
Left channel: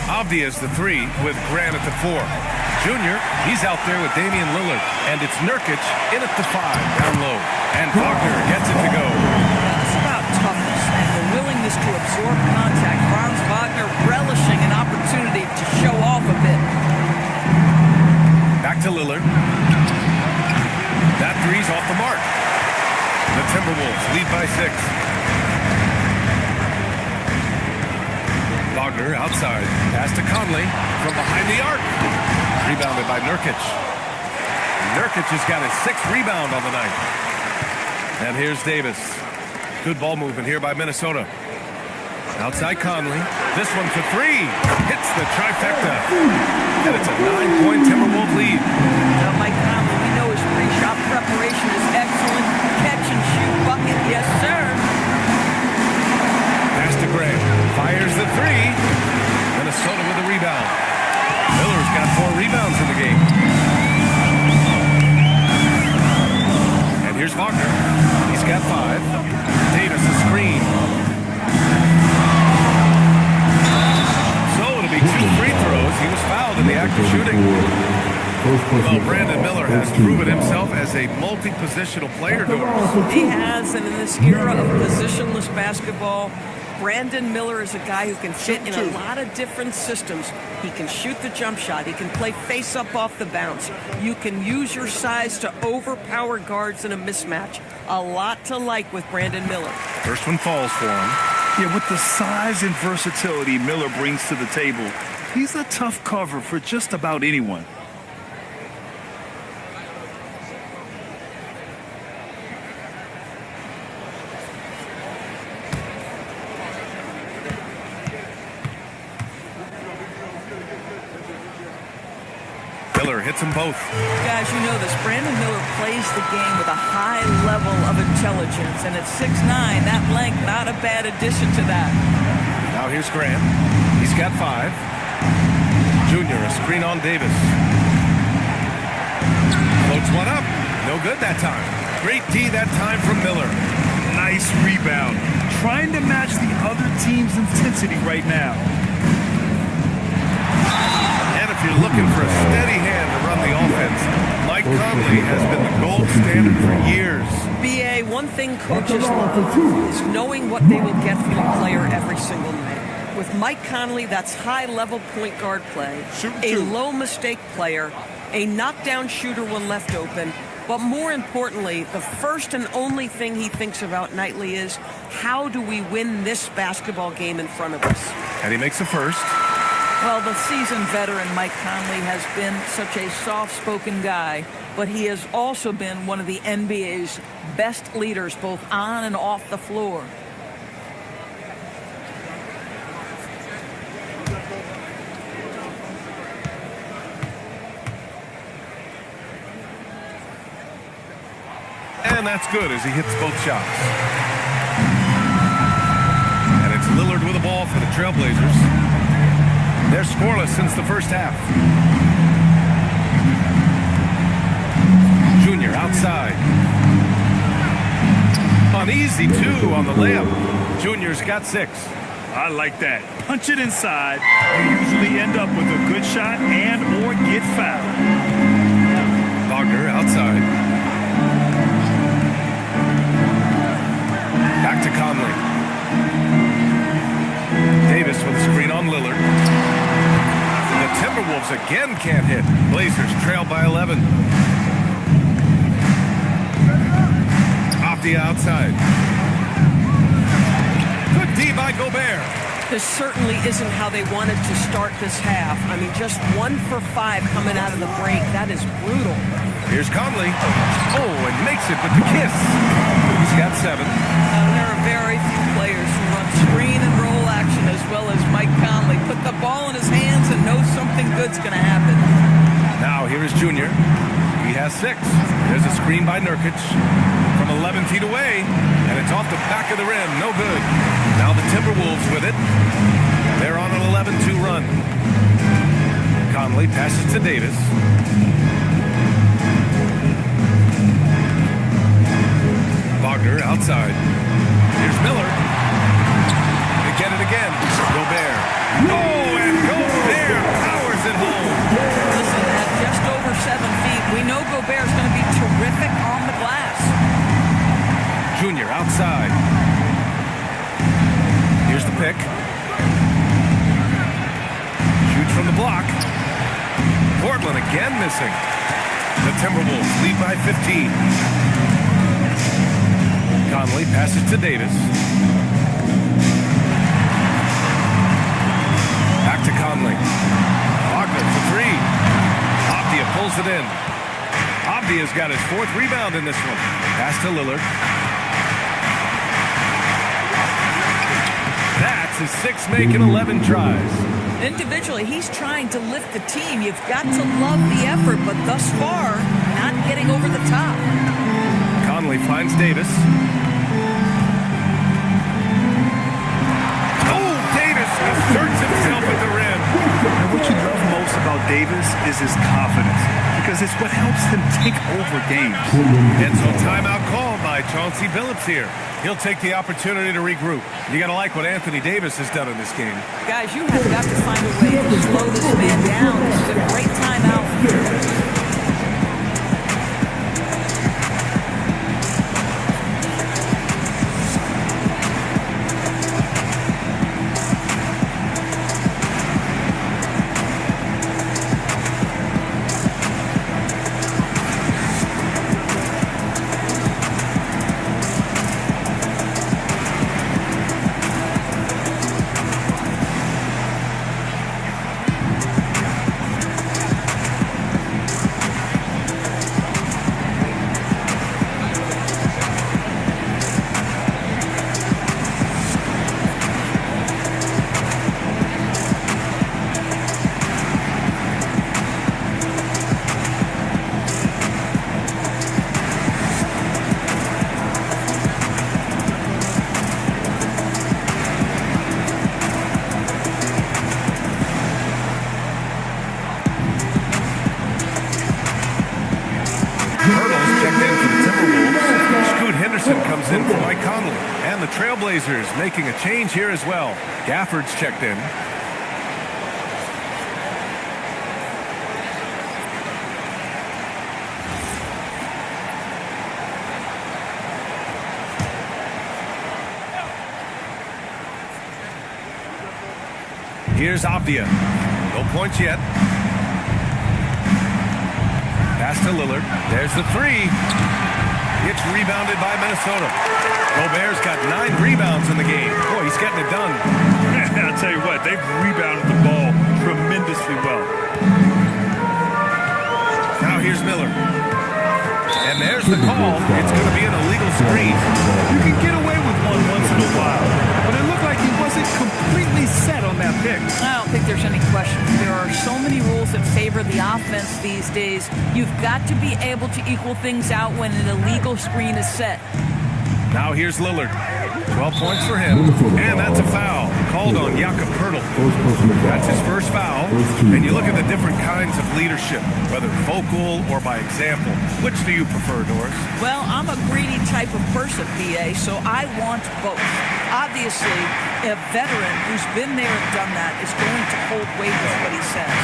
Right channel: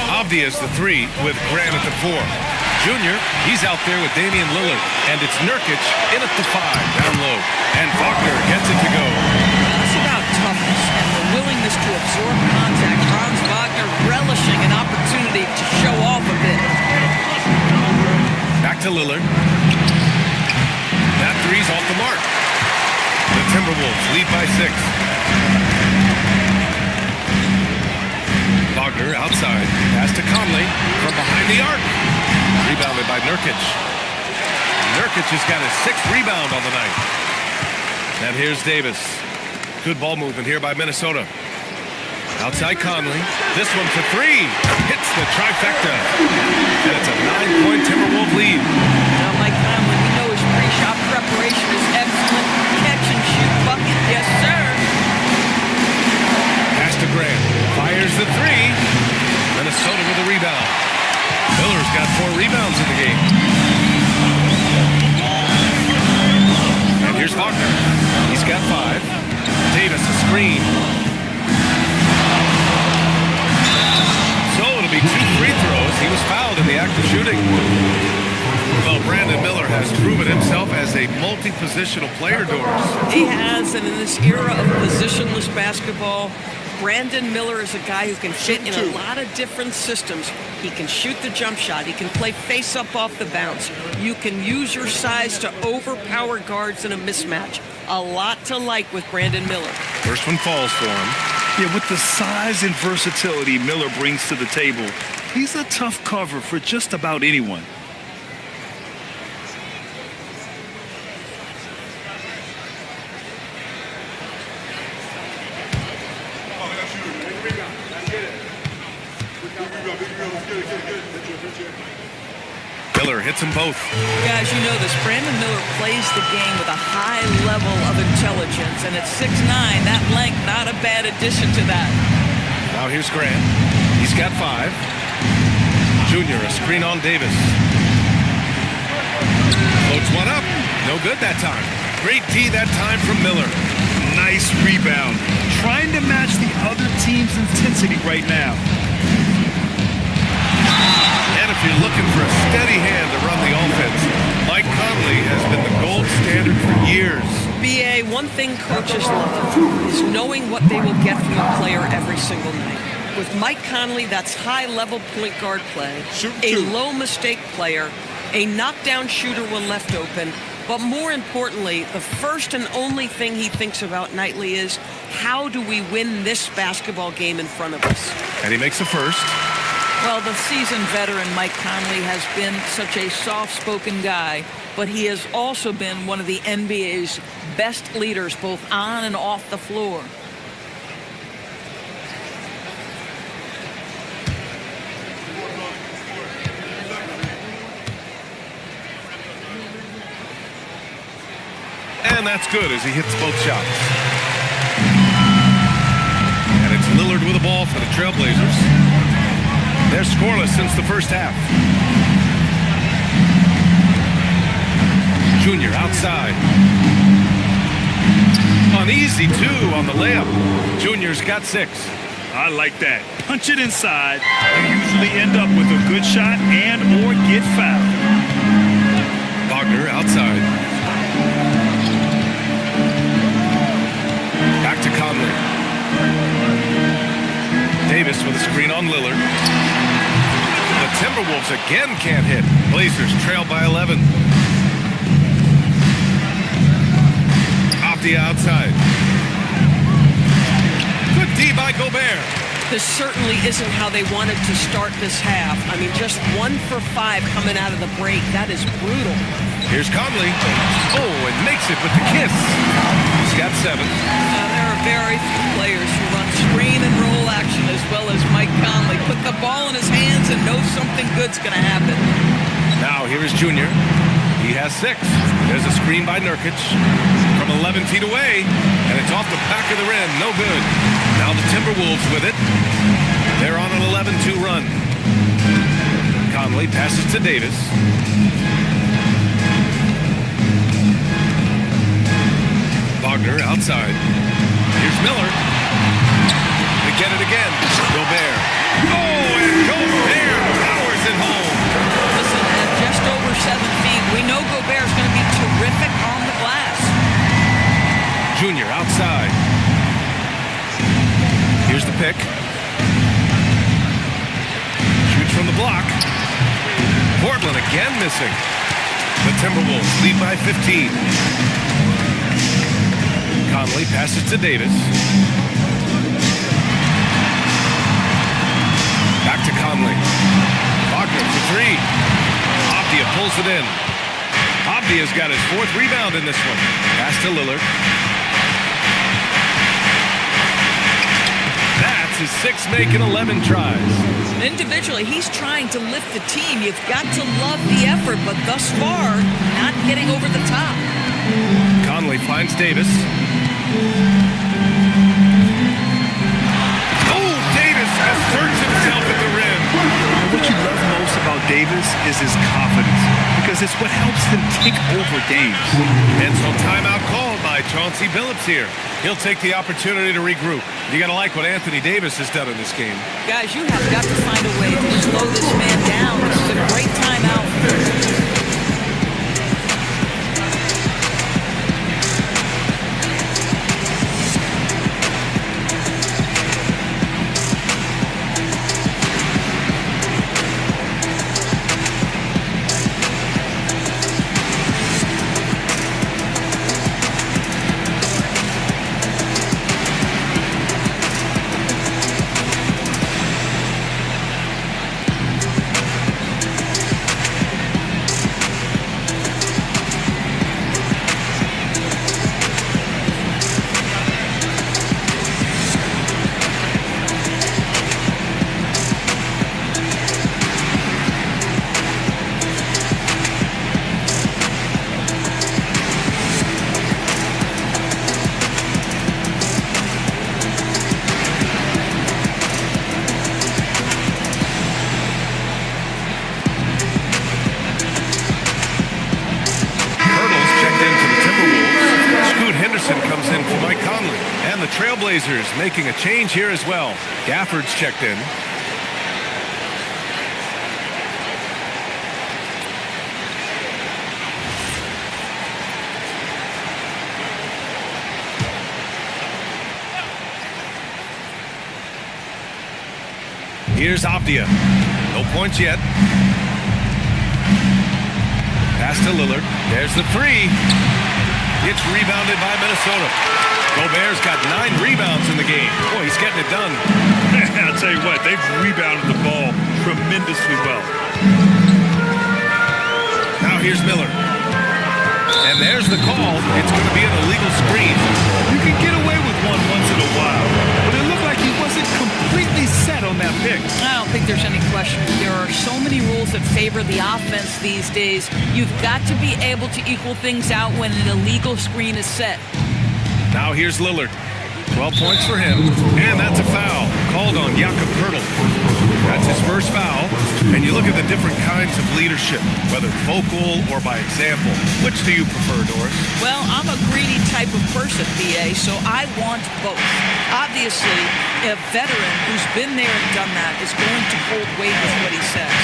Avdi is the 3 with Grant at the 4. Junior, he's out there with Damian Lillard. And it's Nurkic in at the 5, down low. And Wagner gets it to go. Well, that's about toughness and the willingness to absorb contact. Franz Wagner relishing an opportunity to show off a bit. Back to Lillard. That 3's off the mark. The Timberwolves lead by 6. Wagner outside. Pass to Conley from behind the arc. Rebounded by Nurkic. Nurkic has got his 6th rebound on the night. And here's Davis. Good ball movement here by Minnesota. Outside Conley. This one for 3. Hits the trifecta. And it's a 9-point Timberwolves lead. Now, Mike Conley, we know his pre-shot preparation is excellent. Catch and shoot bucket. Yes, sir. Pass to Grant. Fires the 3. Minnesota with a rebound. Miller's got 4 rebounds in the game. And here's Wagner. He's got 5. Davis a screen. So it'll be 2 free throws. He was fouled in the act of shooting. Well, Brandon Miller has proven himself as a multi-positional player, Doris. He has, and in this era of positionless basketball, Brandon Miller is a guy who can fit in a lot of different systems. He can shoot the jump shot. He can play face-up off the bounce. You can use your size to overpower guards in a mismatch. A lot to like with Brandon Miller. First one falls for him. Yeah, with the size and versatility Miller brings to the table, he's a tough cover for just about anyone. Miller hits them both. Guys, you know this. Brandon Miller plays the game with a high level of intelligence, and at 6'9", that length, not a bad addition to that. Now here's Grant. He's got 5. Junior, a screen on Davis. Floats one up. No good that time. Great D that time from Miller. Nice rebound. Trying to match the other team's intensity right now. And if you're looking for a steady hand to run the offense, Mike Conley has been the gold standard for years. BA, one thing coaches love is knowing what they will get from a player every single night. With Mike Conley, that's high-level point guard play, a low-mistake player, a knockdown shooter when left open, but more importantly, the first and only thing he thinks about nightly is, how do we win this basketball game in front of us? And he makes the first. Well, the seasoned veteran Mike Conley has been such a soft-spoken guy, but he has also been one of the NBA's best leaders, both on and off the floor. And that's good as he hits both shots. And it's Lillard with the ball for the Trailblazers. They're scoreless since the first half. Junior outside. An easy 2 on the layup. Junior's got 6. I like that. Punch it inside. You usually end up with a good shot and or get fouled. Wagner outside. Back to Conley. Davis with a screen on Lillard. The Timberwolves again can't hit. Blazers trail by 11. Off the outside. Good D by Gobert. This certainly isn't how they wanted to start this half. I mean, just 1 for 5 coming out of the break. That is brutal. Here's Conley. Oh, and makes it with the kiss. He's got 7. There are very few players who run screen and roll action as well as Mike Conley. Put the ball in his hands and knows something good's going to happen. Now here is Junior. He has 6. There's a screen by Nurkic from 11 feet away, and it's off the back of the rim. No good. Now the Timberwolves with it. They're on an 11-2 run. Conley passes to Davis. Wagner outside. Here's Miller. They get it again. Gobert. Oh, and Gobert powers it home. Listen, at just over 7 feet, we know Gobert's going to be terrific on the glass. Junior outside. Here's the pick. Shoots from the block. Portland again missing. The Timberwolves lead by 15. Conley passes to Davis. Back to Conley. Wagner for 3. Avdija pulls it in. Avdija's got his 4th rebound in this one. Pass to Lillard. That's his 6th make in 11 tries. Individually, he's trying to lift the team. You've got to love the effort, but thus far, not getting over the top. Conley finds Davis. Oh, Davis asserts himself at the rim. And what you love most about Davis is his confidence, because it's what helps him take over games. And so timeout called by Chauncey Billups here. He'll take the opportunity to regroup. You got to like what Anthony Davis has done in this game. Guys, you have got to find a way to slow this man down. This is a great timeout. Comes in for Mike Conley. And the Trailblazers making a change here as well. Gafford's checked in. Here's Avdija. No points yet. Pass to Lillard. There's the 3. It's rebounded by Minnesota. Gobert's got 9 rebounds in the game. Boy, he's getting it done. I'll tell you what, they've rebounded the ball tremendously well. Now here's Miller. And there's the call. It's going to be an illegal screen. You can get away with one once in a while, but it looked like he wasn't completely set on that pick. I don't think there's any question. There are so many rules that favor the offense these days. You've got to be able to equal things out when an illegal screen is set. Now here's Lillard. 12 points for him, and that's a foul called on Jakob Poeltl. That's his first foul, and you look at the different kinds of leadership, whether vocal or by example. Which do you prefer, Doris? Well, I'm a greedy type of person, BA, so I want both. Obviously, a veteran who's been there and done that is going to hold weight with what he says.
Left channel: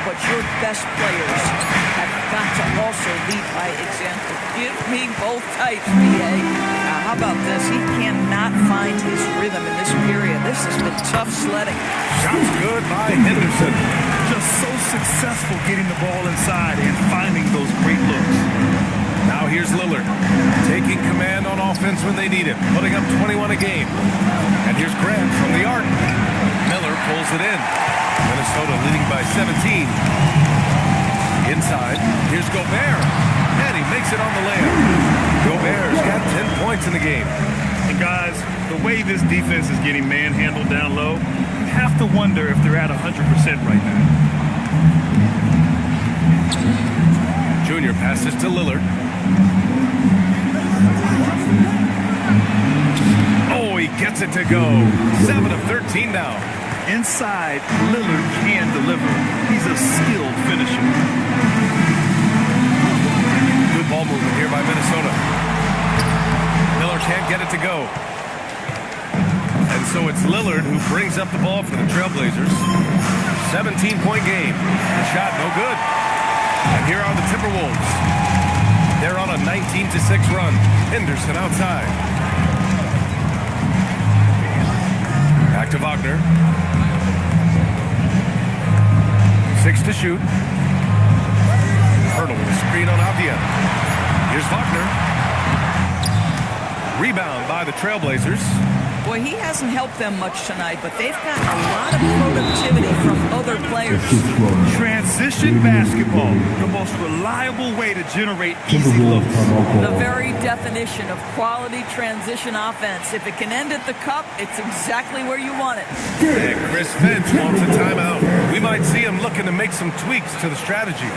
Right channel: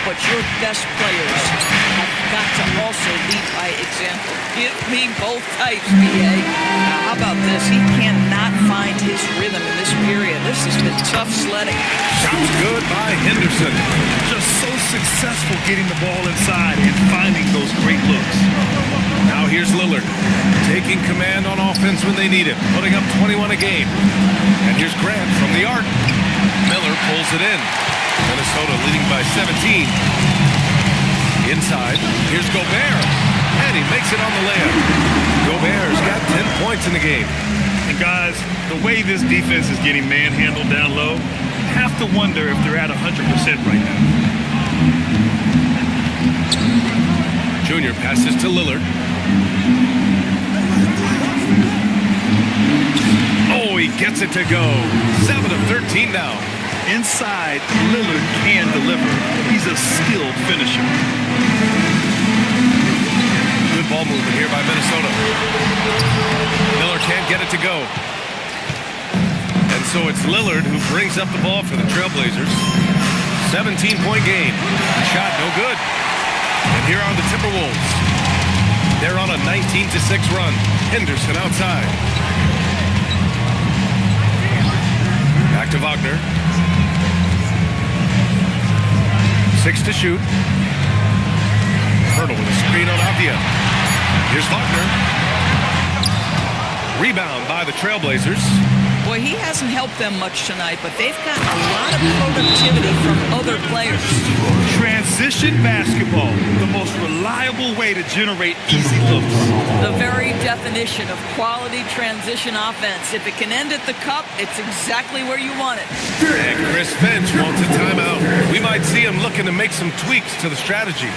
But your best players have got to also lead by example. Give me both types, BA. How about this? He cannot find his rhythm in this period. This has been tough sledding. Shot's good by Henderson. Just so successful getting the ball inside and finding those great looks. Now here's Lillard, taking command on offense when they need him, putting up 21 a game. And here's Grant from the arc. Miller pulls it in. Minnesota leading by 17. Inside, here's Gobert, and he makes it on the layup. Gobert's got 10 points in the game. And guys, the way this defense is getting manhandled down low, you have to wonder if they're at 100% right now. Junior passes to Lillard. Oh, he gets it to go. 7 of 13 now. Inside, Lillard can deliver. He's a skilled finisher. Good ball movement here by Minnesota. Miller can't get it to go. And so it's Lillard who brings up the ball for the Trailblazers. 17-point game. The shot no good. And here are the Timberwolves. They're on a 19-6 run. Henderson outside. Back to Wagner. 6 to shoot. Poeltl with a screen on Avdia. Here's Wagner. Rebound by the Trailblazers. Boy, he hasn't helped them much tonight, but they've got a lot of productivity from other players. Transition basketball, the most reliable way to generate easy looks. The very definition of quality transition offense. If it can end at the cup, it's exactly where you want it. And Chris Finch wants a timeout. We might see him looking to make some tweaks to the strategy.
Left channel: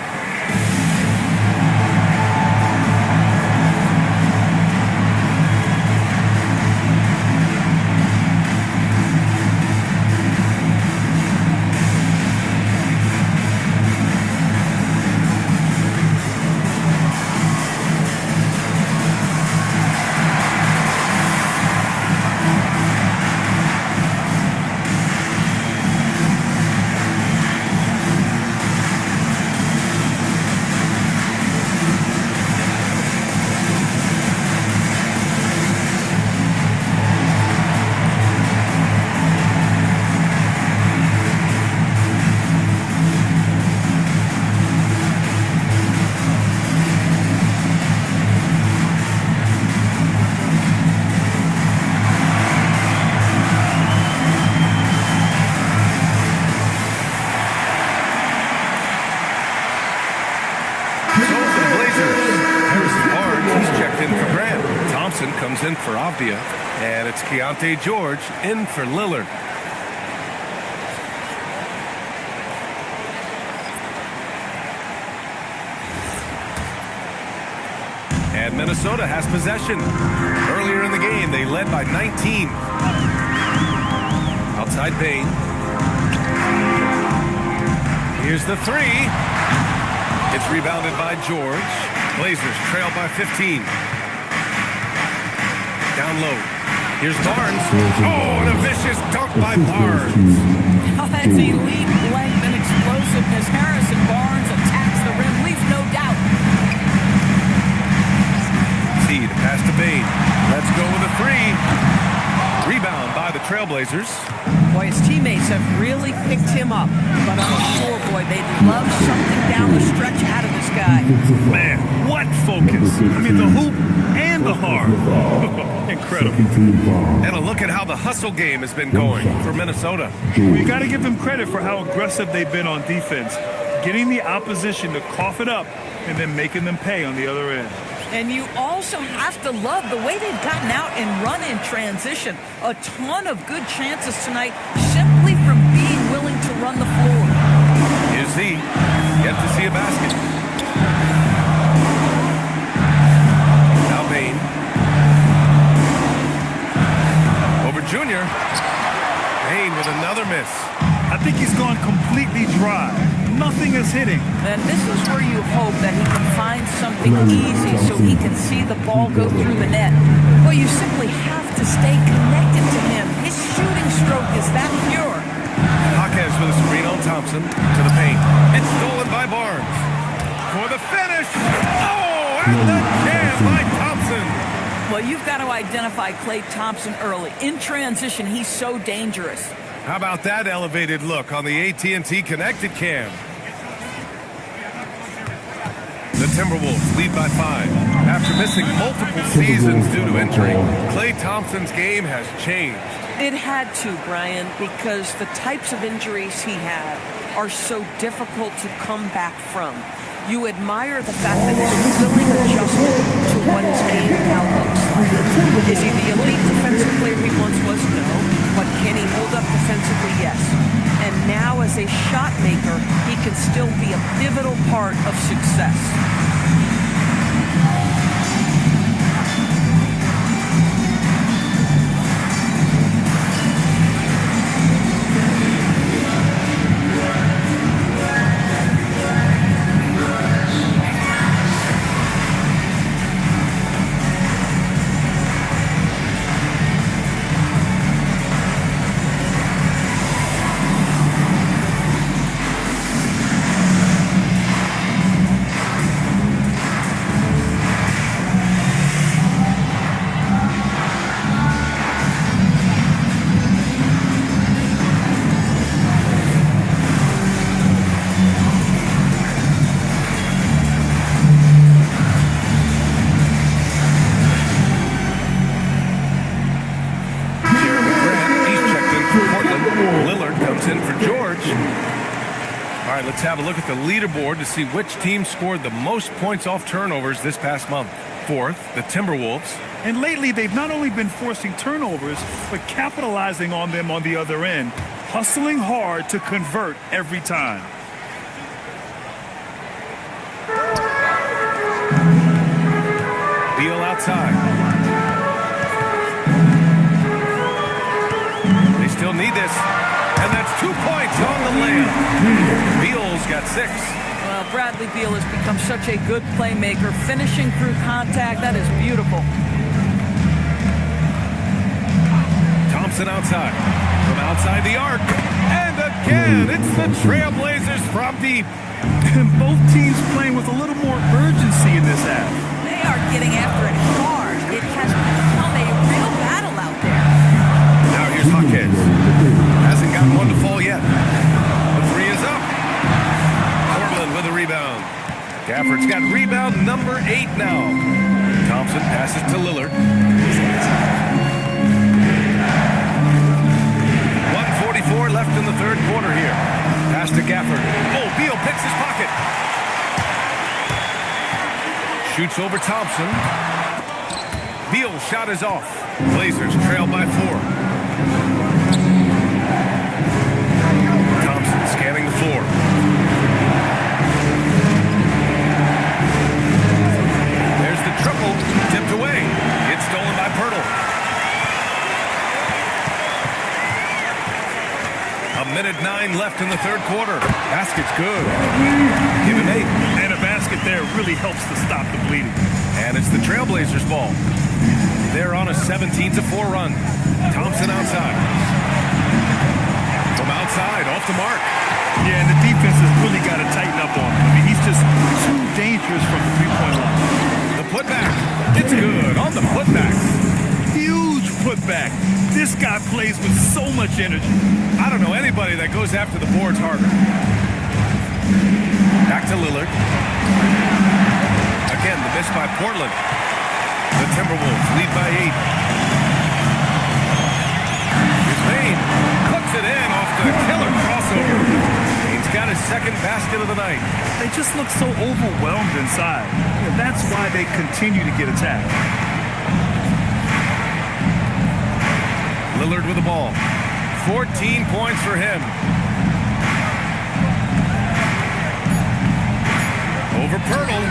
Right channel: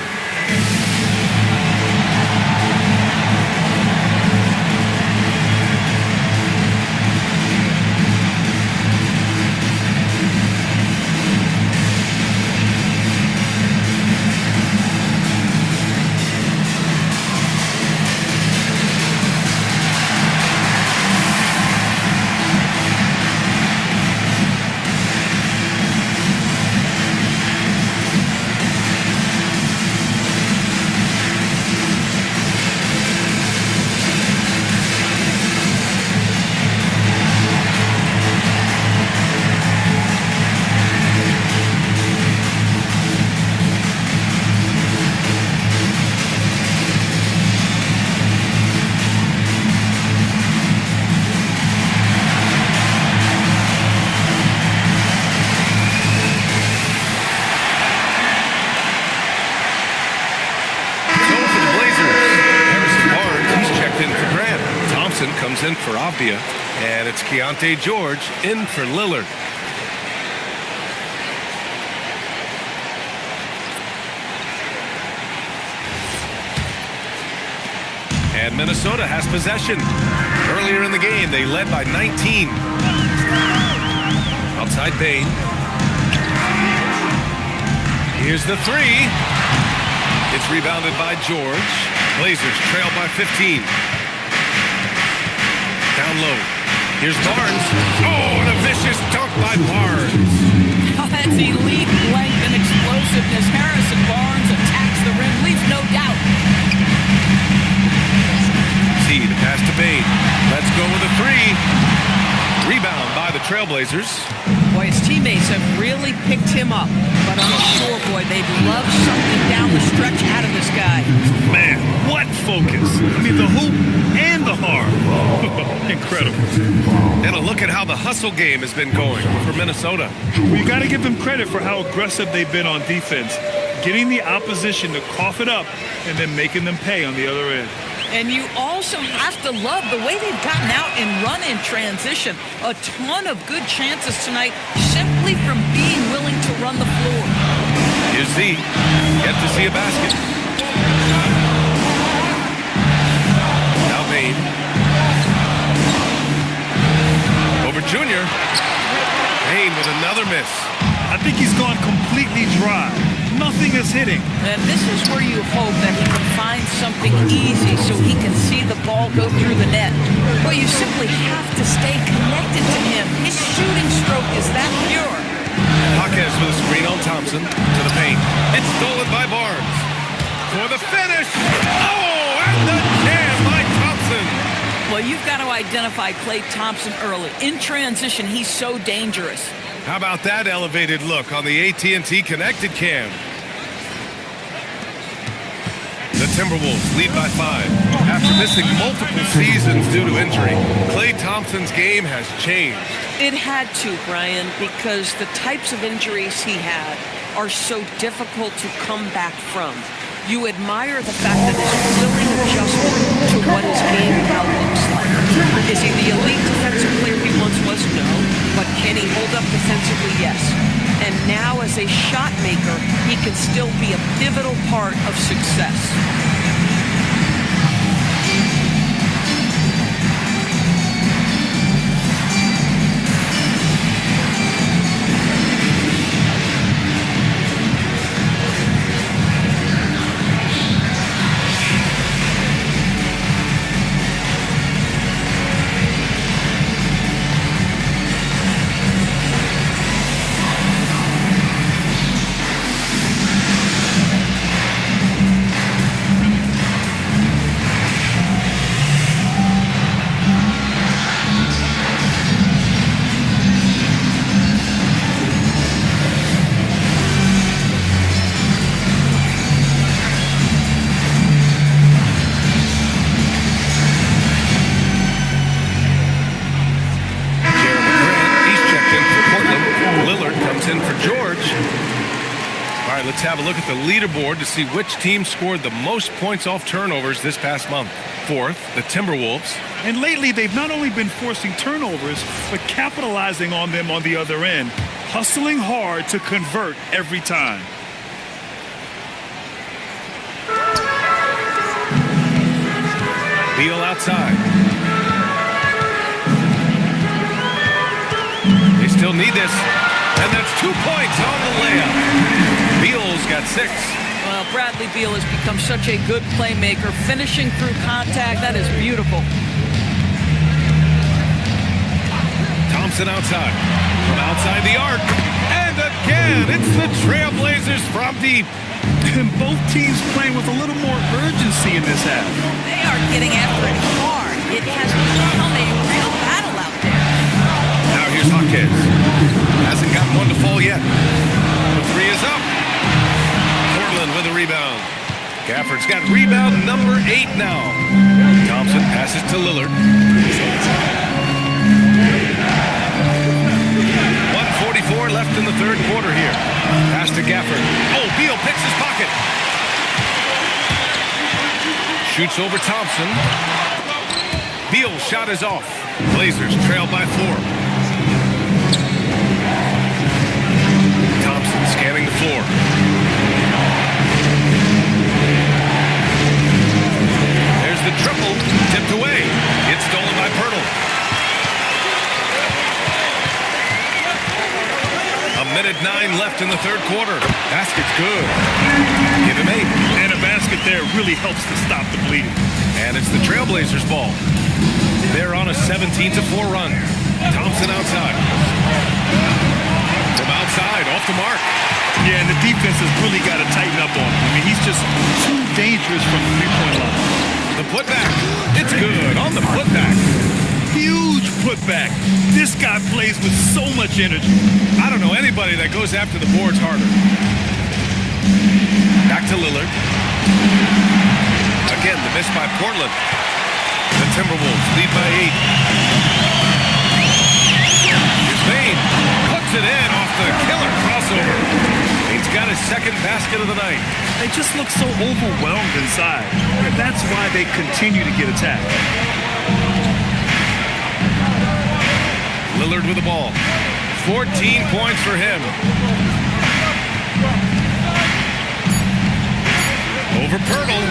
In for Grant. Thompson comes in for Avdia, and it's Keontae George in for Lillard. And Minnesota has possession. Earlier in the game, they led by 19. Outside Bane. Here's the three. It's rebounded by George. Blazers trail by 15. Down low. Here's Barnes. Oh, and a vicious dunk by Barnes. Oh, that's elite length and explosiveness. Harrison Barnes attacks the rim, leaves no doubt. See the pass to Bane. Let's go with a three. Rebound by the Trailblazers. Boy, his teammates have really picked him up. But I'm sure, boy, they'd love something down the stretch out of this guy. Man, what focus. I mean, the hoop and the heart. Incredible. And a look at how the hustle game has been going for Minnesota. Well, you got to give them credit for how aggressive they've been on defense. Getting the opposition to cough it up and then making them pay on the other end. And you also have to love the way they've gotten out and run in transition. A ton of good chances tonight simply from being willing to run the floor. Here's Z. Yet to see a basket. Now Bane. over Junior. Payne with another miss. I think he's gone completely dry. Nothing is hitting. And this is where you hope that he can find something easy so he can see the ball go through the net. Well, you simply have to stay connected to him. His shooting stroke is that pure. Jaquez with a screen on Thompson to the paint. It's stolen by Barnes. For the finish. Oh, and the jam by Thompson. Well, you've got to identify Klay Thompson early. In transition, he's so dangerous. How about that elevated look on the AT&T Connected Cam? The Timberwolves lead by 5. After missing multiple seasons due to injury, Klay Thompson's game has changed. It had to, Brian, because the types of injuries he had are so difficult to come back from. You admire the fact that his willing adjustment to what his game now looks like. Is he the elite defensive player he once was? No. But can he hold up defensively? Yes. And now as a shot maker, he can still be a pivotal part of success. Lillard comes in for George. All right, let's have a look at the leaderboard to see which team scored the most points off turnovers this past month. 4th, the Timberwolves. And lately, they've not only been forcing turnovers, but capitalizing on them on the other end, hustling hard to convert every time. Beal outside. They still need this. And that's 2 points on the layup. Beal's got 6. Well, Bradley Beal has become such a good playmaker, finishing through contact. That is beautiful. Thompson outside. From outside the arc. And again, it's the Trailblazers from deep. And both teams playing with a little more urgency in this half. They are getting after it hard. It has become a real battle out there. Now here's Jaquez. Hasn't gotten one to fall yet. The 3 is up. Portland with a rebound. Gafford's got rebound number 8 now. Thompson passes to Lillard. 1:44 left in the third quarter here. Pass to Gafford. Oh, Beal picks his pocket. Shoots over Thompson. Beal's shot is off. Blazers trail by 4. Thompson scanning the floor. There's the triple, tipped away. It's stolen by Pirtle. A minute 9 left in the third quarter. Basket's good. Give him 8. And a basket there really helps to stop the bleeding. And it's the Trailblazers' ball. They're on a 17-4 run. Thompson outside. From outside, off the mark. Yeah, and the defense has really got to tighten up on him. I mean, he's just too dangerous from the three-point line. The putback. It's good on the putback. Huge putback. This guy plays with so much energy. I don't know anybody that goes after the boards harder. Back to Lillard. Again, the miss by Portland. The Timberwolves lead by 8. Here's Payne. Puts it in off the killer crossover. Payne's got his second basket of the night. They just look so overwhelmed inside. And that's why they continue to get attacked. Lillard with the ball. 14 points for him. Over Pirtle.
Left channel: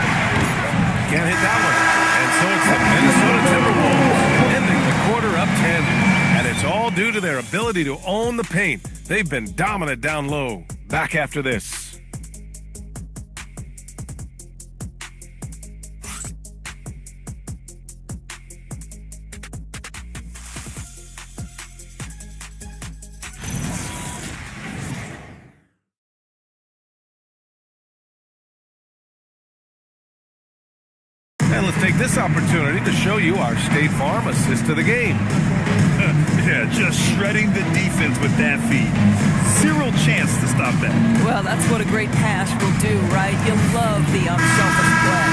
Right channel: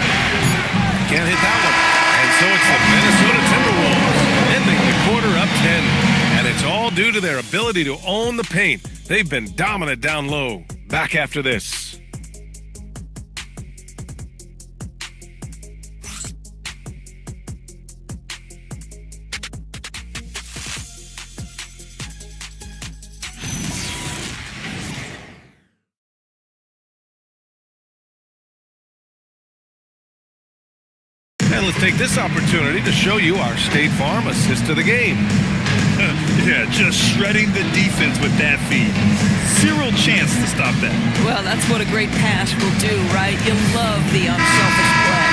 Can't hit that one. And so it's the Minnesota Timberwolves ending the quarter up 10. And And it's all due to their ability to own the paint. They've been dominant down low. Back after this. And let's take this opportunity to show you our State Farm assist to the game. Yeah, just shredding the defense with that feed. Zero chance to stop that. Well, that's what a great pass will do, right? You love the unselfish play.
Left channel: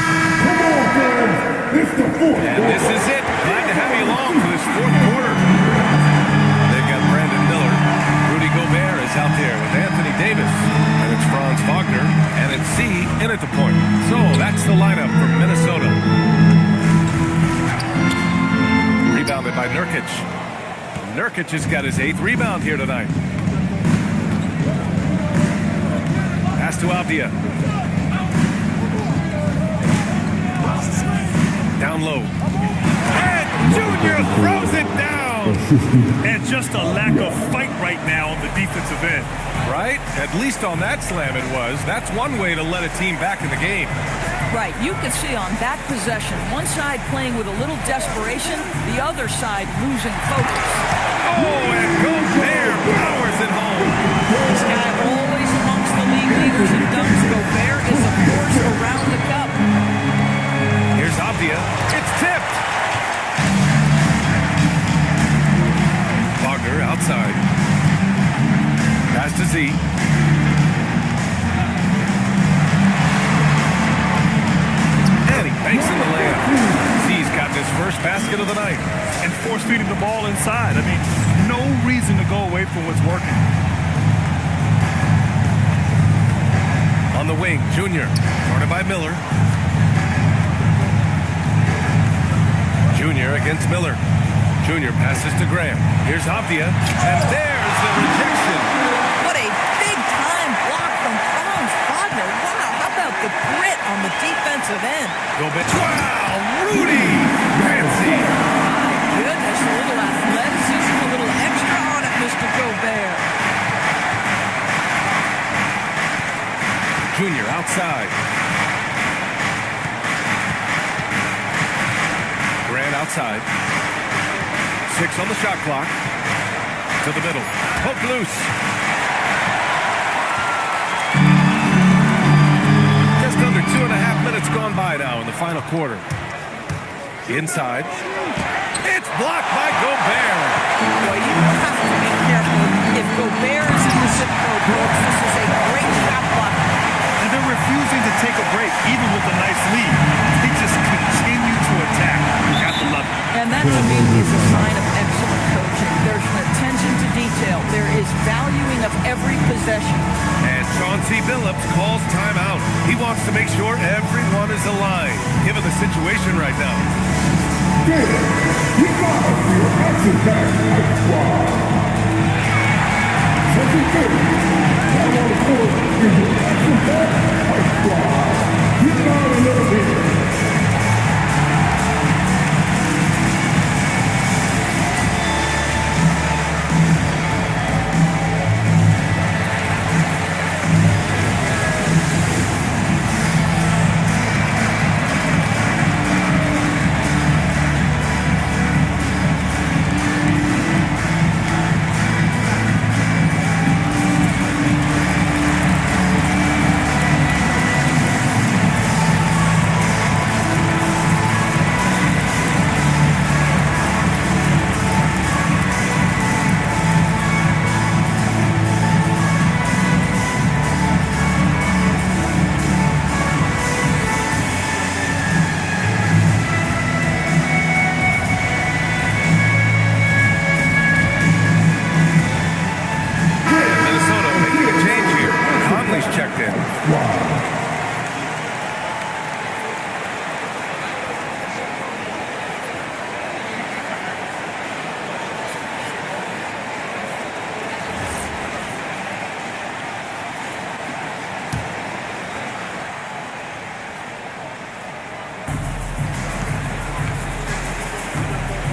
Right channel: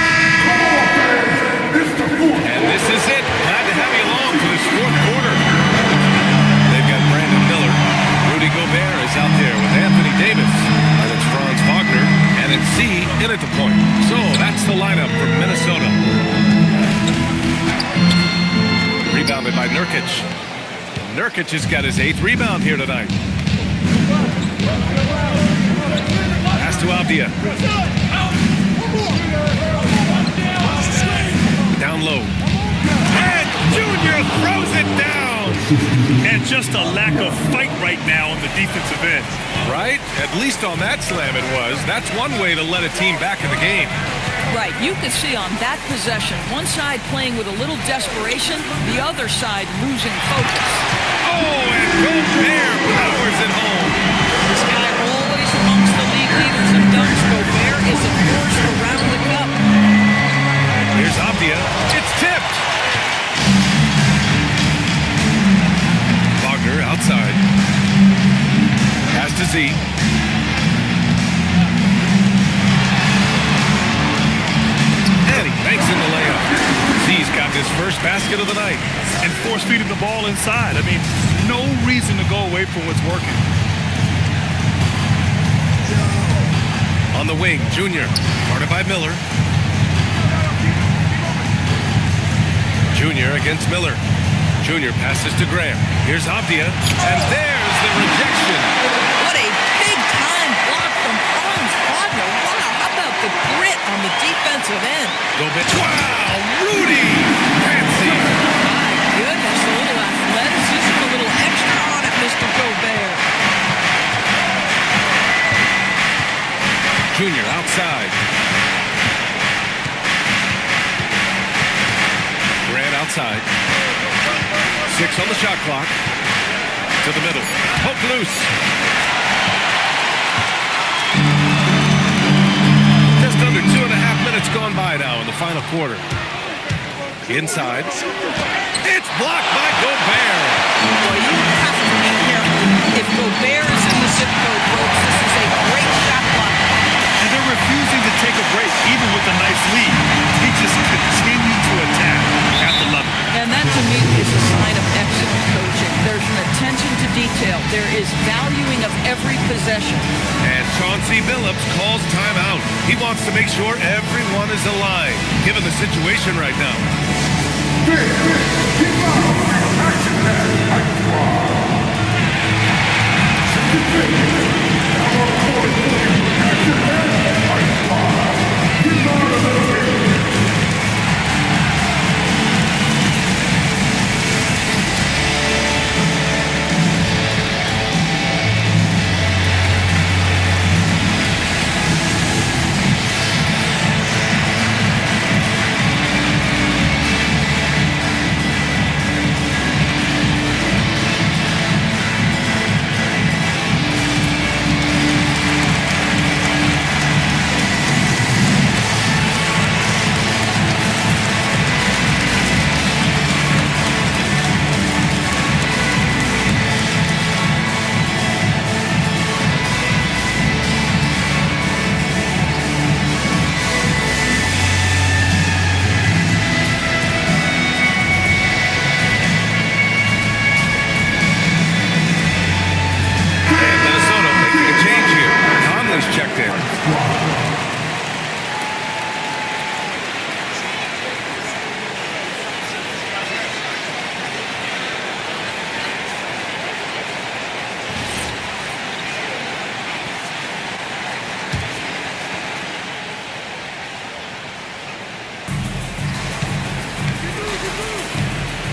And this is it. Glad to have you along for this fourth quarter. They've got Brandon Miller. Rudy Gobert is out there with Anthony Davis. And it's Franz Wagner. And it's Z in at the point. So that's the lineup for Minnesota. Rebounded by Nurkic. Nurkic has got his 8th rebound here tonight. Pass to Avdia. Down low. And Junior throws it down. And just a lack of fight right now on the defensive end. Right? At least on that slam it was. That's one way to let a team back in the game. Right, you could see on that possession, one side playing with a little desperation, the other side losing focus. Oh, and Gobert powers it home. This guy always amongst the league leaders in dunks. Gobert is a force around the cup. Here's Avdia. It's tipped. Wagner outside. Pass to Z. And he banks in the layup. Z's got his first basket of the night. And force feeding the ball inside. I mean, no reason to go away from what's working. On the wing, Junior. Guarded by Miller. Junior against Miller. Junior passes to Graham. Here's Avdia. And there's the rejection. What a big-time block from Franz Wagner. Wow, how about the grit on the defensive end? Gobert. Wow, Rudy. Fancy. My goodness, a little athleticism, a little extra on it, Mr. Gobert. Junior outside. Grant outside. 6 on the shot clock. To the middle. Poke loose. Just under 2.5 minutes gone by now in the final quarter. Inside. It's blocked by Gobert. Boy, you have to be careful. If Gobert is in the zip code, folks, this is a great shot block. And they're refusing to take a break, even with a nice lead. They just continue to attack. You have to love it. And that, to me, is a sign of excellent coaching. There's an attention to detail. There is valuing of every possession. And Chauncey Billups calls timeout. He wants to make sure everyone is aligned, given the situation right now. Checked in.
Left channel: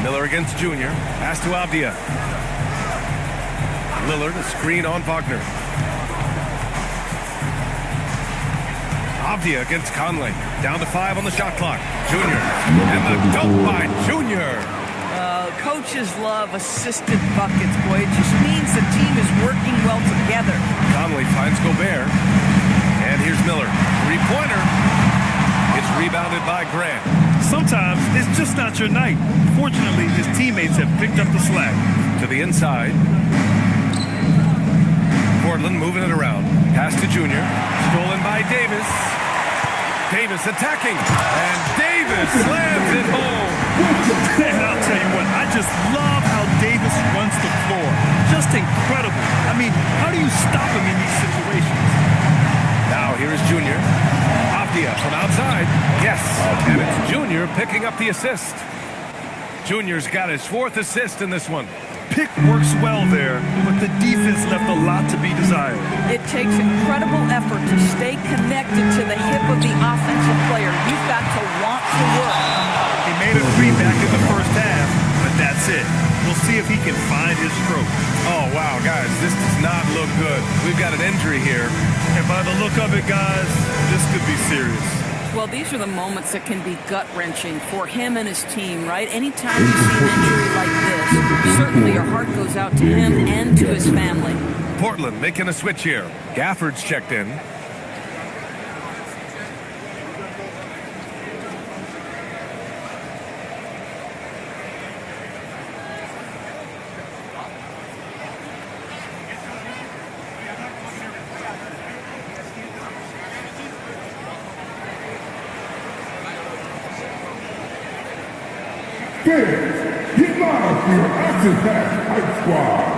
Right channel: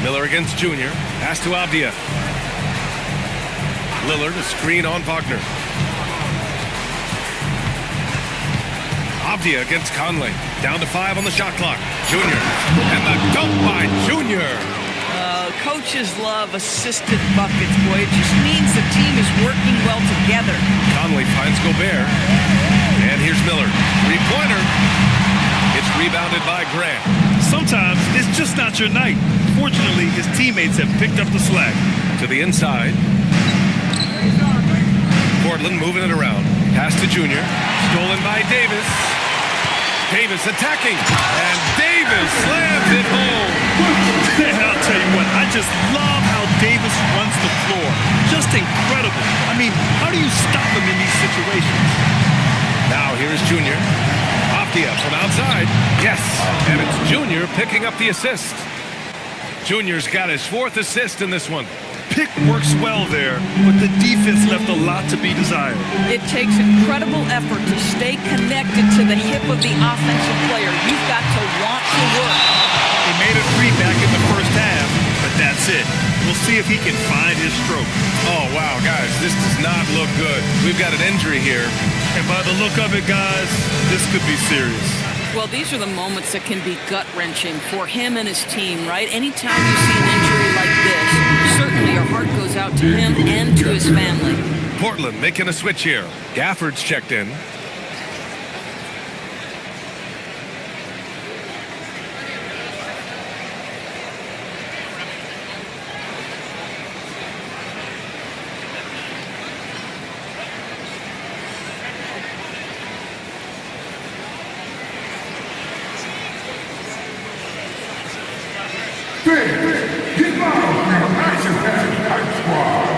Miller against Junior. Pass to Avdia. Lillard, a screen on Wagner. Avdia against Conley. Down to 5 on the shot clock. Junior. And the dunk by Junior. Coaches love assisted buckets, boy. It just means the team is working well together. Conley finds Gobert. And here's Miller. Three-pointer. It's rebounded by Grant. Sometimes it's just not your night. Fortunately, his teammates have picked up the slack. To the inside. Portland moving it around. Pass to Junior. Stolen by Davis. Davis attacking. And Davis slams it home. And I'll tell you what, I just love how Davis runs the floor. Just incredible. I mean, how do you stop him in these situations? Now here is Junior. Avdia from outside. Yes. And it's Junior picking up the assist. Junior's got his 4th assist in this one. Pick works well there, but the defense left a lot to be desired. It takes incredible effort to stay connected to the hip of the offensive player. You've got to want to work. He made a 3 back in the first half, but that's it. We'll see if he can find his stroke. Oh, wow, guys, this does not look good. We've got an injury here. And by the look of it, guys, this could be serious. Well, these are the moments that can be gut-wrenching for him and his team, right? Anytime you see an injury like this, certainly your heart goes out to him and to his family. Portland making a switch here. Gafford's checked in. Get live for your action-packed Hype Squad.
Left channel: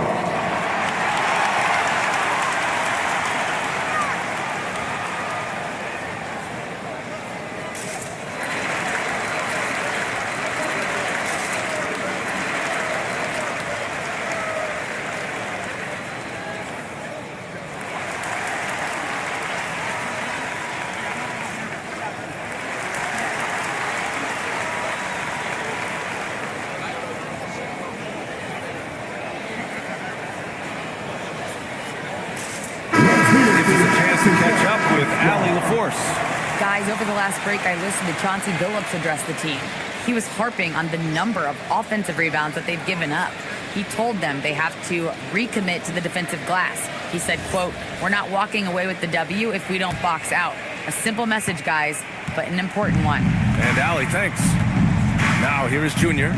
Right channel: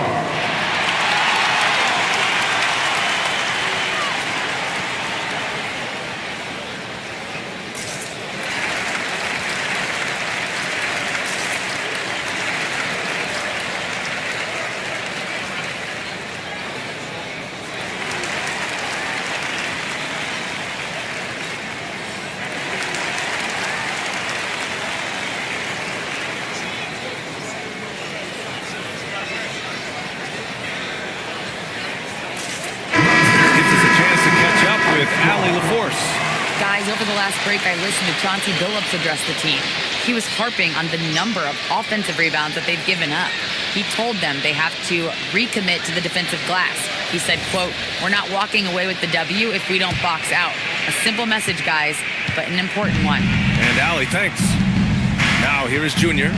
Chance to catch up with Allie LaForce. Guys, over the last break, I listened to Chauncey Billups address the team. He was harping on the number of offensive rebounds that they've given up. He told them they have to recommit to the defensive glass. He said, quote, "We're not walking away with the W if we don't box out." A simple message, guys, but an important one. And Allie, thanks. Now here is Junior.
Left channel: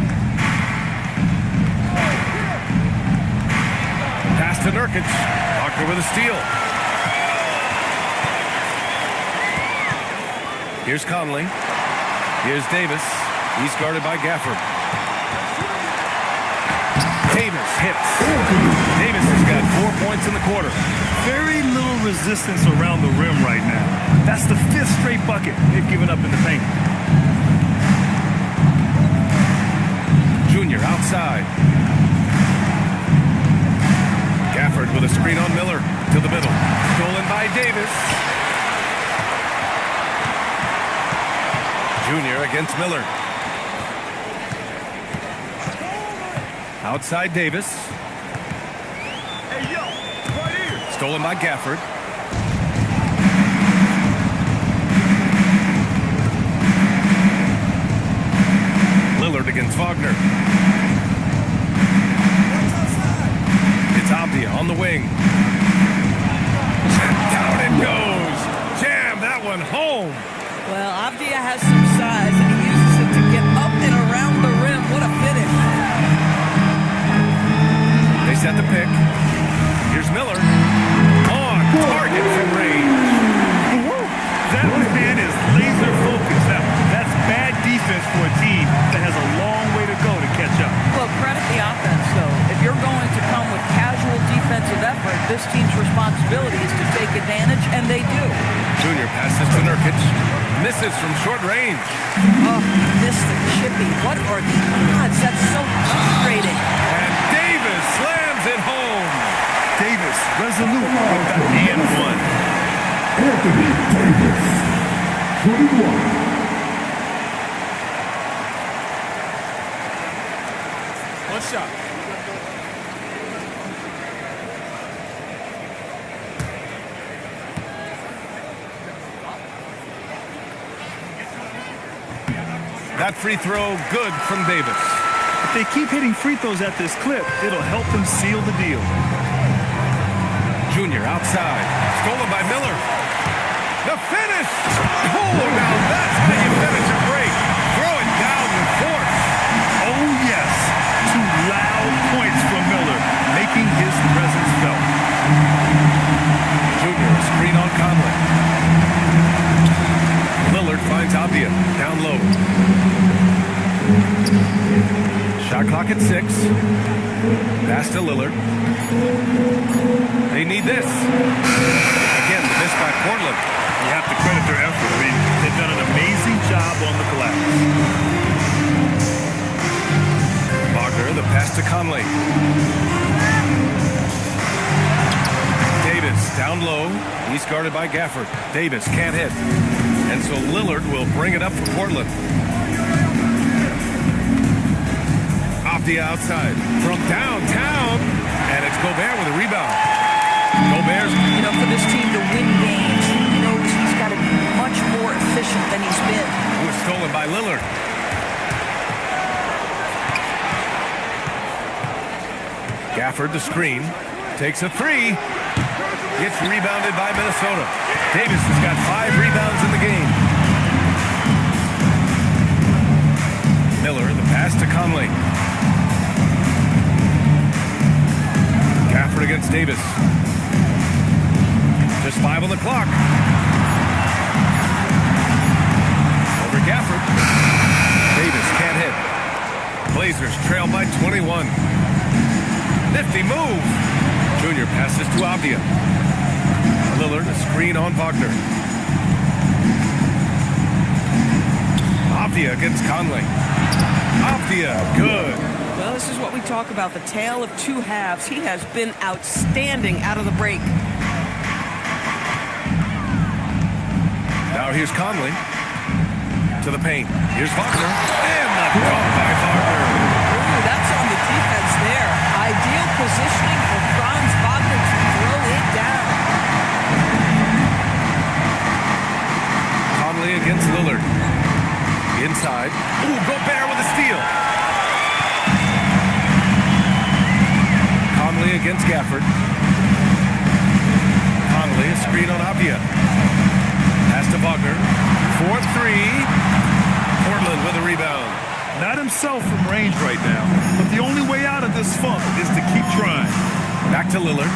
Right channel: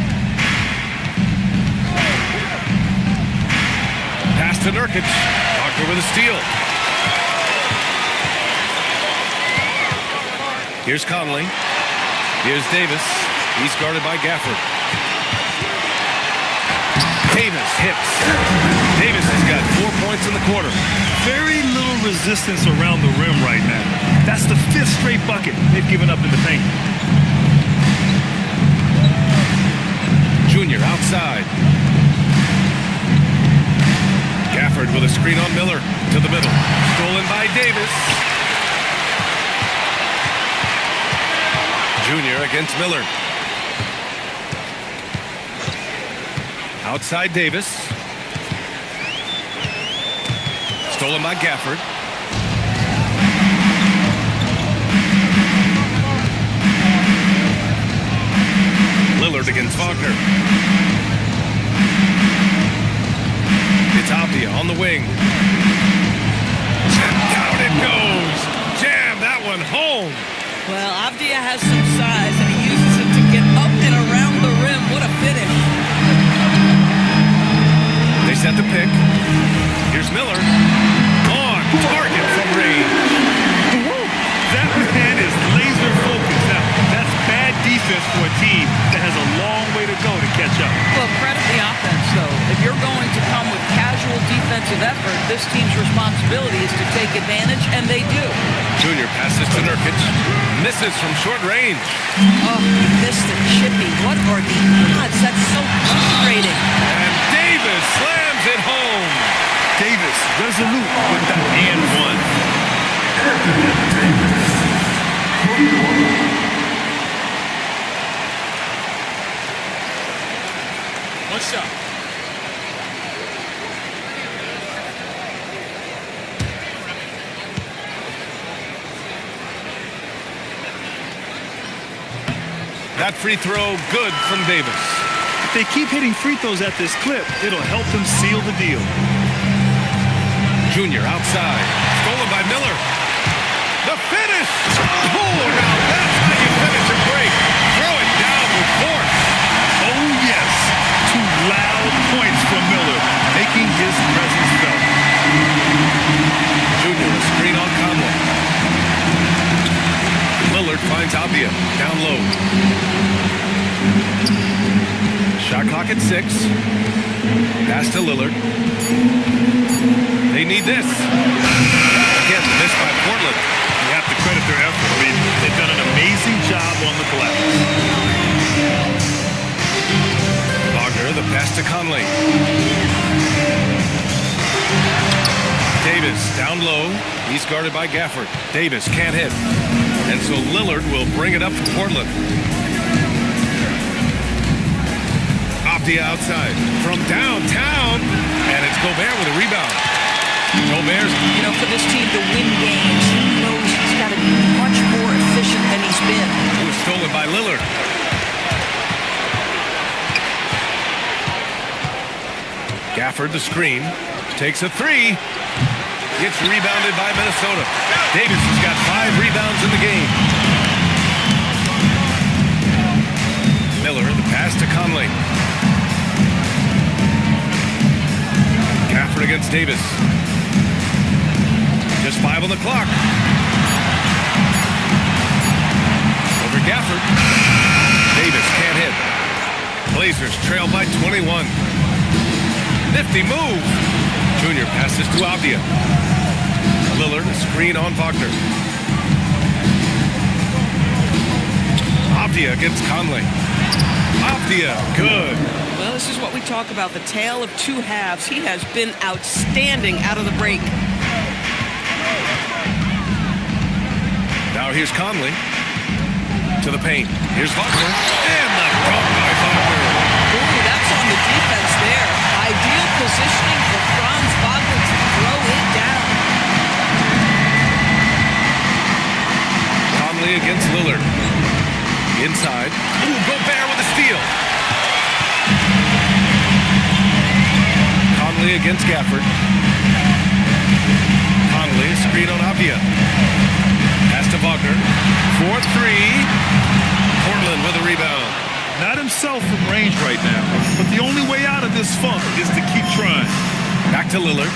Pass to Nurkic. Wagner with a steal. Here's Conley. Here's Davis. He's guarded by Gafford. Davis hits. Davis has got 4 points in the quarter. Very little resistance around the rim right now. That's the 5th straight bucket they've given up in the paint. Junior outside. Gafford with a screen on Miller to the middle. Stolen by Davis. Junior against Miller. Outside Davis. Stolen by Gafford. Lillard against Wagner. It's Avdia on the wing. And down it goes. Jam that one home. Well, Avdia has some size, and he uses it to get up and around the rim. What a finish. They set the pick. Here's Miller. On target from range. That man is laser focused. Now, that's bad defense for a team that has a long way to go to catch up. Well, credit the offense, though. If you're going to come with casual defensive effort, this team's responsibility is to take advantage, and they do. Junior passes to Nurkic. Misses from short range. Oh, he missed the chippy. What are the odds? That's so frustrating. And Davis slams it home. Davis resolute with that and one. Anthony Davis, 21. One shot. That free throw good from Davis. If they keep hitting free throws at this clip, it'll help them seal the deal. Junior outside. Stolen by Miller. The finish! Oh, now that's how you finish a break. Throw it down with force. Oh, yes. 2 loud points from Miller, making his presence felt. Junior, a screen on Conley. Lillard finds Avdia down low. Shot clock at 6. Pass to Lillard. They need this. Again, the miss by Portland. You have to credit their effort. I mean, they've done an amazing job on the glass. Wagner, the pass to Conley. Davis down low. He's guarded by Gafford. Davis can't hit. And so Lillard will bring it up for Portland. Avdia outside from downtown. And it's Gobert with a rebound. Gobert's... You know, for this team to win games, he knows he's got to be much more efficient than he's been. It was stolen by Lillard. Gafford, the screen, takes a 3. Gets rebounded by Minnesota. Davis has got 5 rebounds in the game. Miller, the pass to Conley. Gafford against Davis. Just 5 on the clock. Over Gafford. Davis can't hit. Blazers trail by 21. Nifty move. Junior passes to Avdia. Lillard, a screen on Wagner. Avdia against Conley. Avdia, good. Well, this is what we talk about, the tale of 2 halves. He has been outstanding out of the break. Now here's Conley to the paint. Here's Wagner. And the dunk by Wagner. Ooh, that's on the defense there. Ideal positioning for Franz Wagner to throw it down. Conley against Lillard. Inside. Ooh, Gobert with a steal. Conley against Gafford. Conley, a screen on Avdia. Pass to Wagner. 4-3. Portland with a rebound. Not himself from range right now, but the only way out of this funk is to keep trying. Back to Lillard.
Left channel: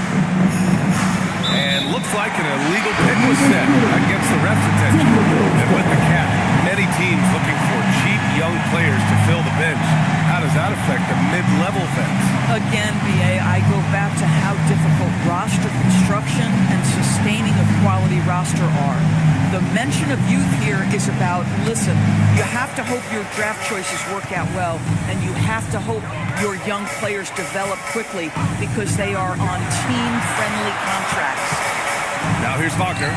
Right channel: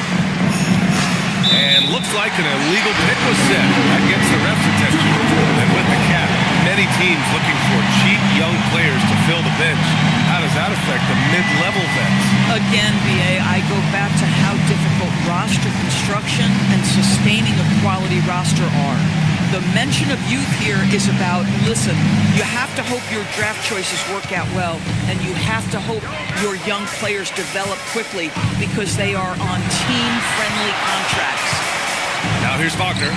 And looks like an illegal pick was set. That gets the ref's attention. And with the cap, many teams looking for cheap young players to fill the bench. How does that affect the mid-level vets? Again, BA, I go back to how difficult roster construction and sustaining a quality roster are. The mention of youth here is about, listen, you have to hope your draft choices work out well, and you have to hope your young players develop quickly because they are on team-friendly contracts. Now here's Wagner.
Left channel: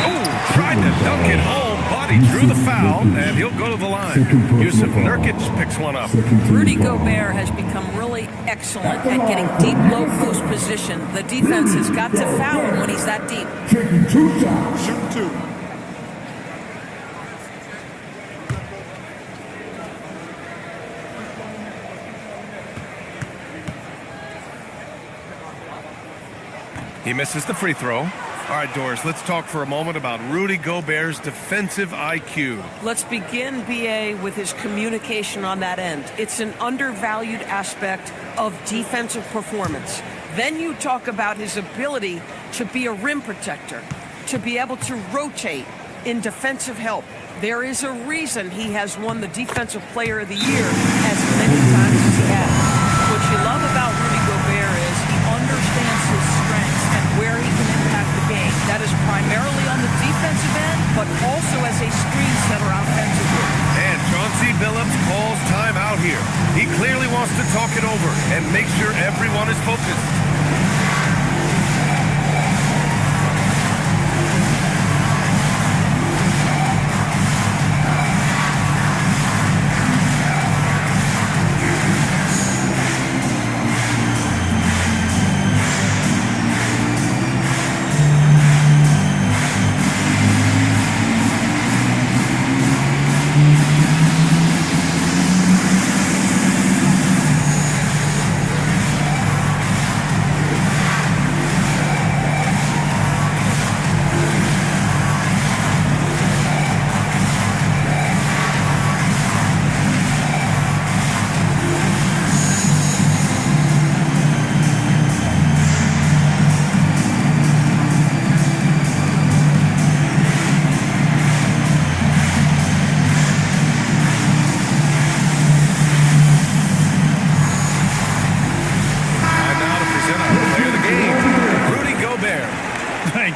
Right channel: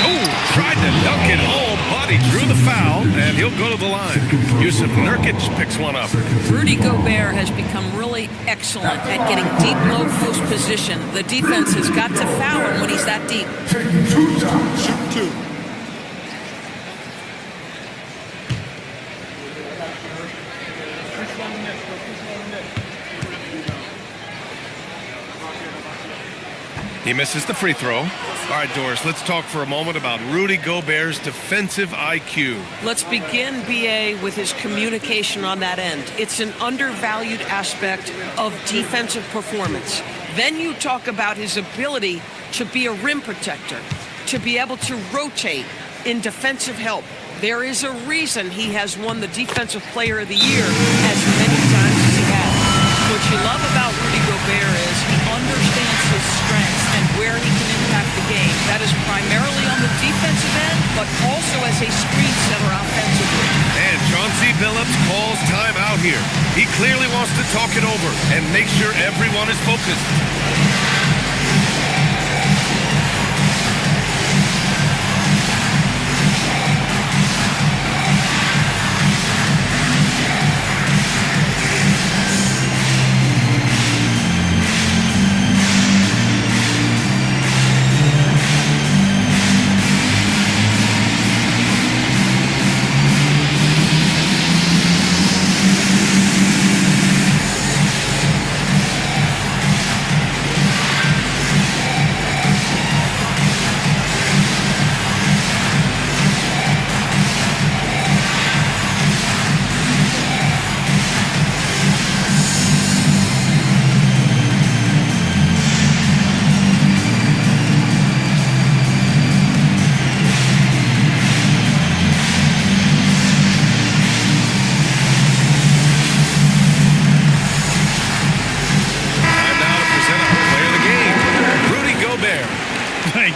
Oh, tried to dunk it home, but he drew the foul, and he'll go to the line. Yusuf Nurkic picks one up. Rudy Gobert has become really excellent at getting deep low post position. The defense has got to foul him when he's that deep. Taking 2 shots. Shoot 2. He misses the free throw. All right, Doris, let's talk for a moment about Rudy Gobert's defensive IQ. Let's begin, BA, with his communication on that end. It's an undervalued aspect of defensive performance. Then you talk about his ability to be a rim protector, to be able to rotate in defensive help. There is a reason he has won the Defensive Player of the Year as many times as he has. What you love about Rudy Gobert is he understands his strengths and where he can impact the game. That is primarily on the defensive end, but also as a screen setter offensively. And Chauncey Billups calls time out here. He clearly wants to talk it over and make sure everyone is focused.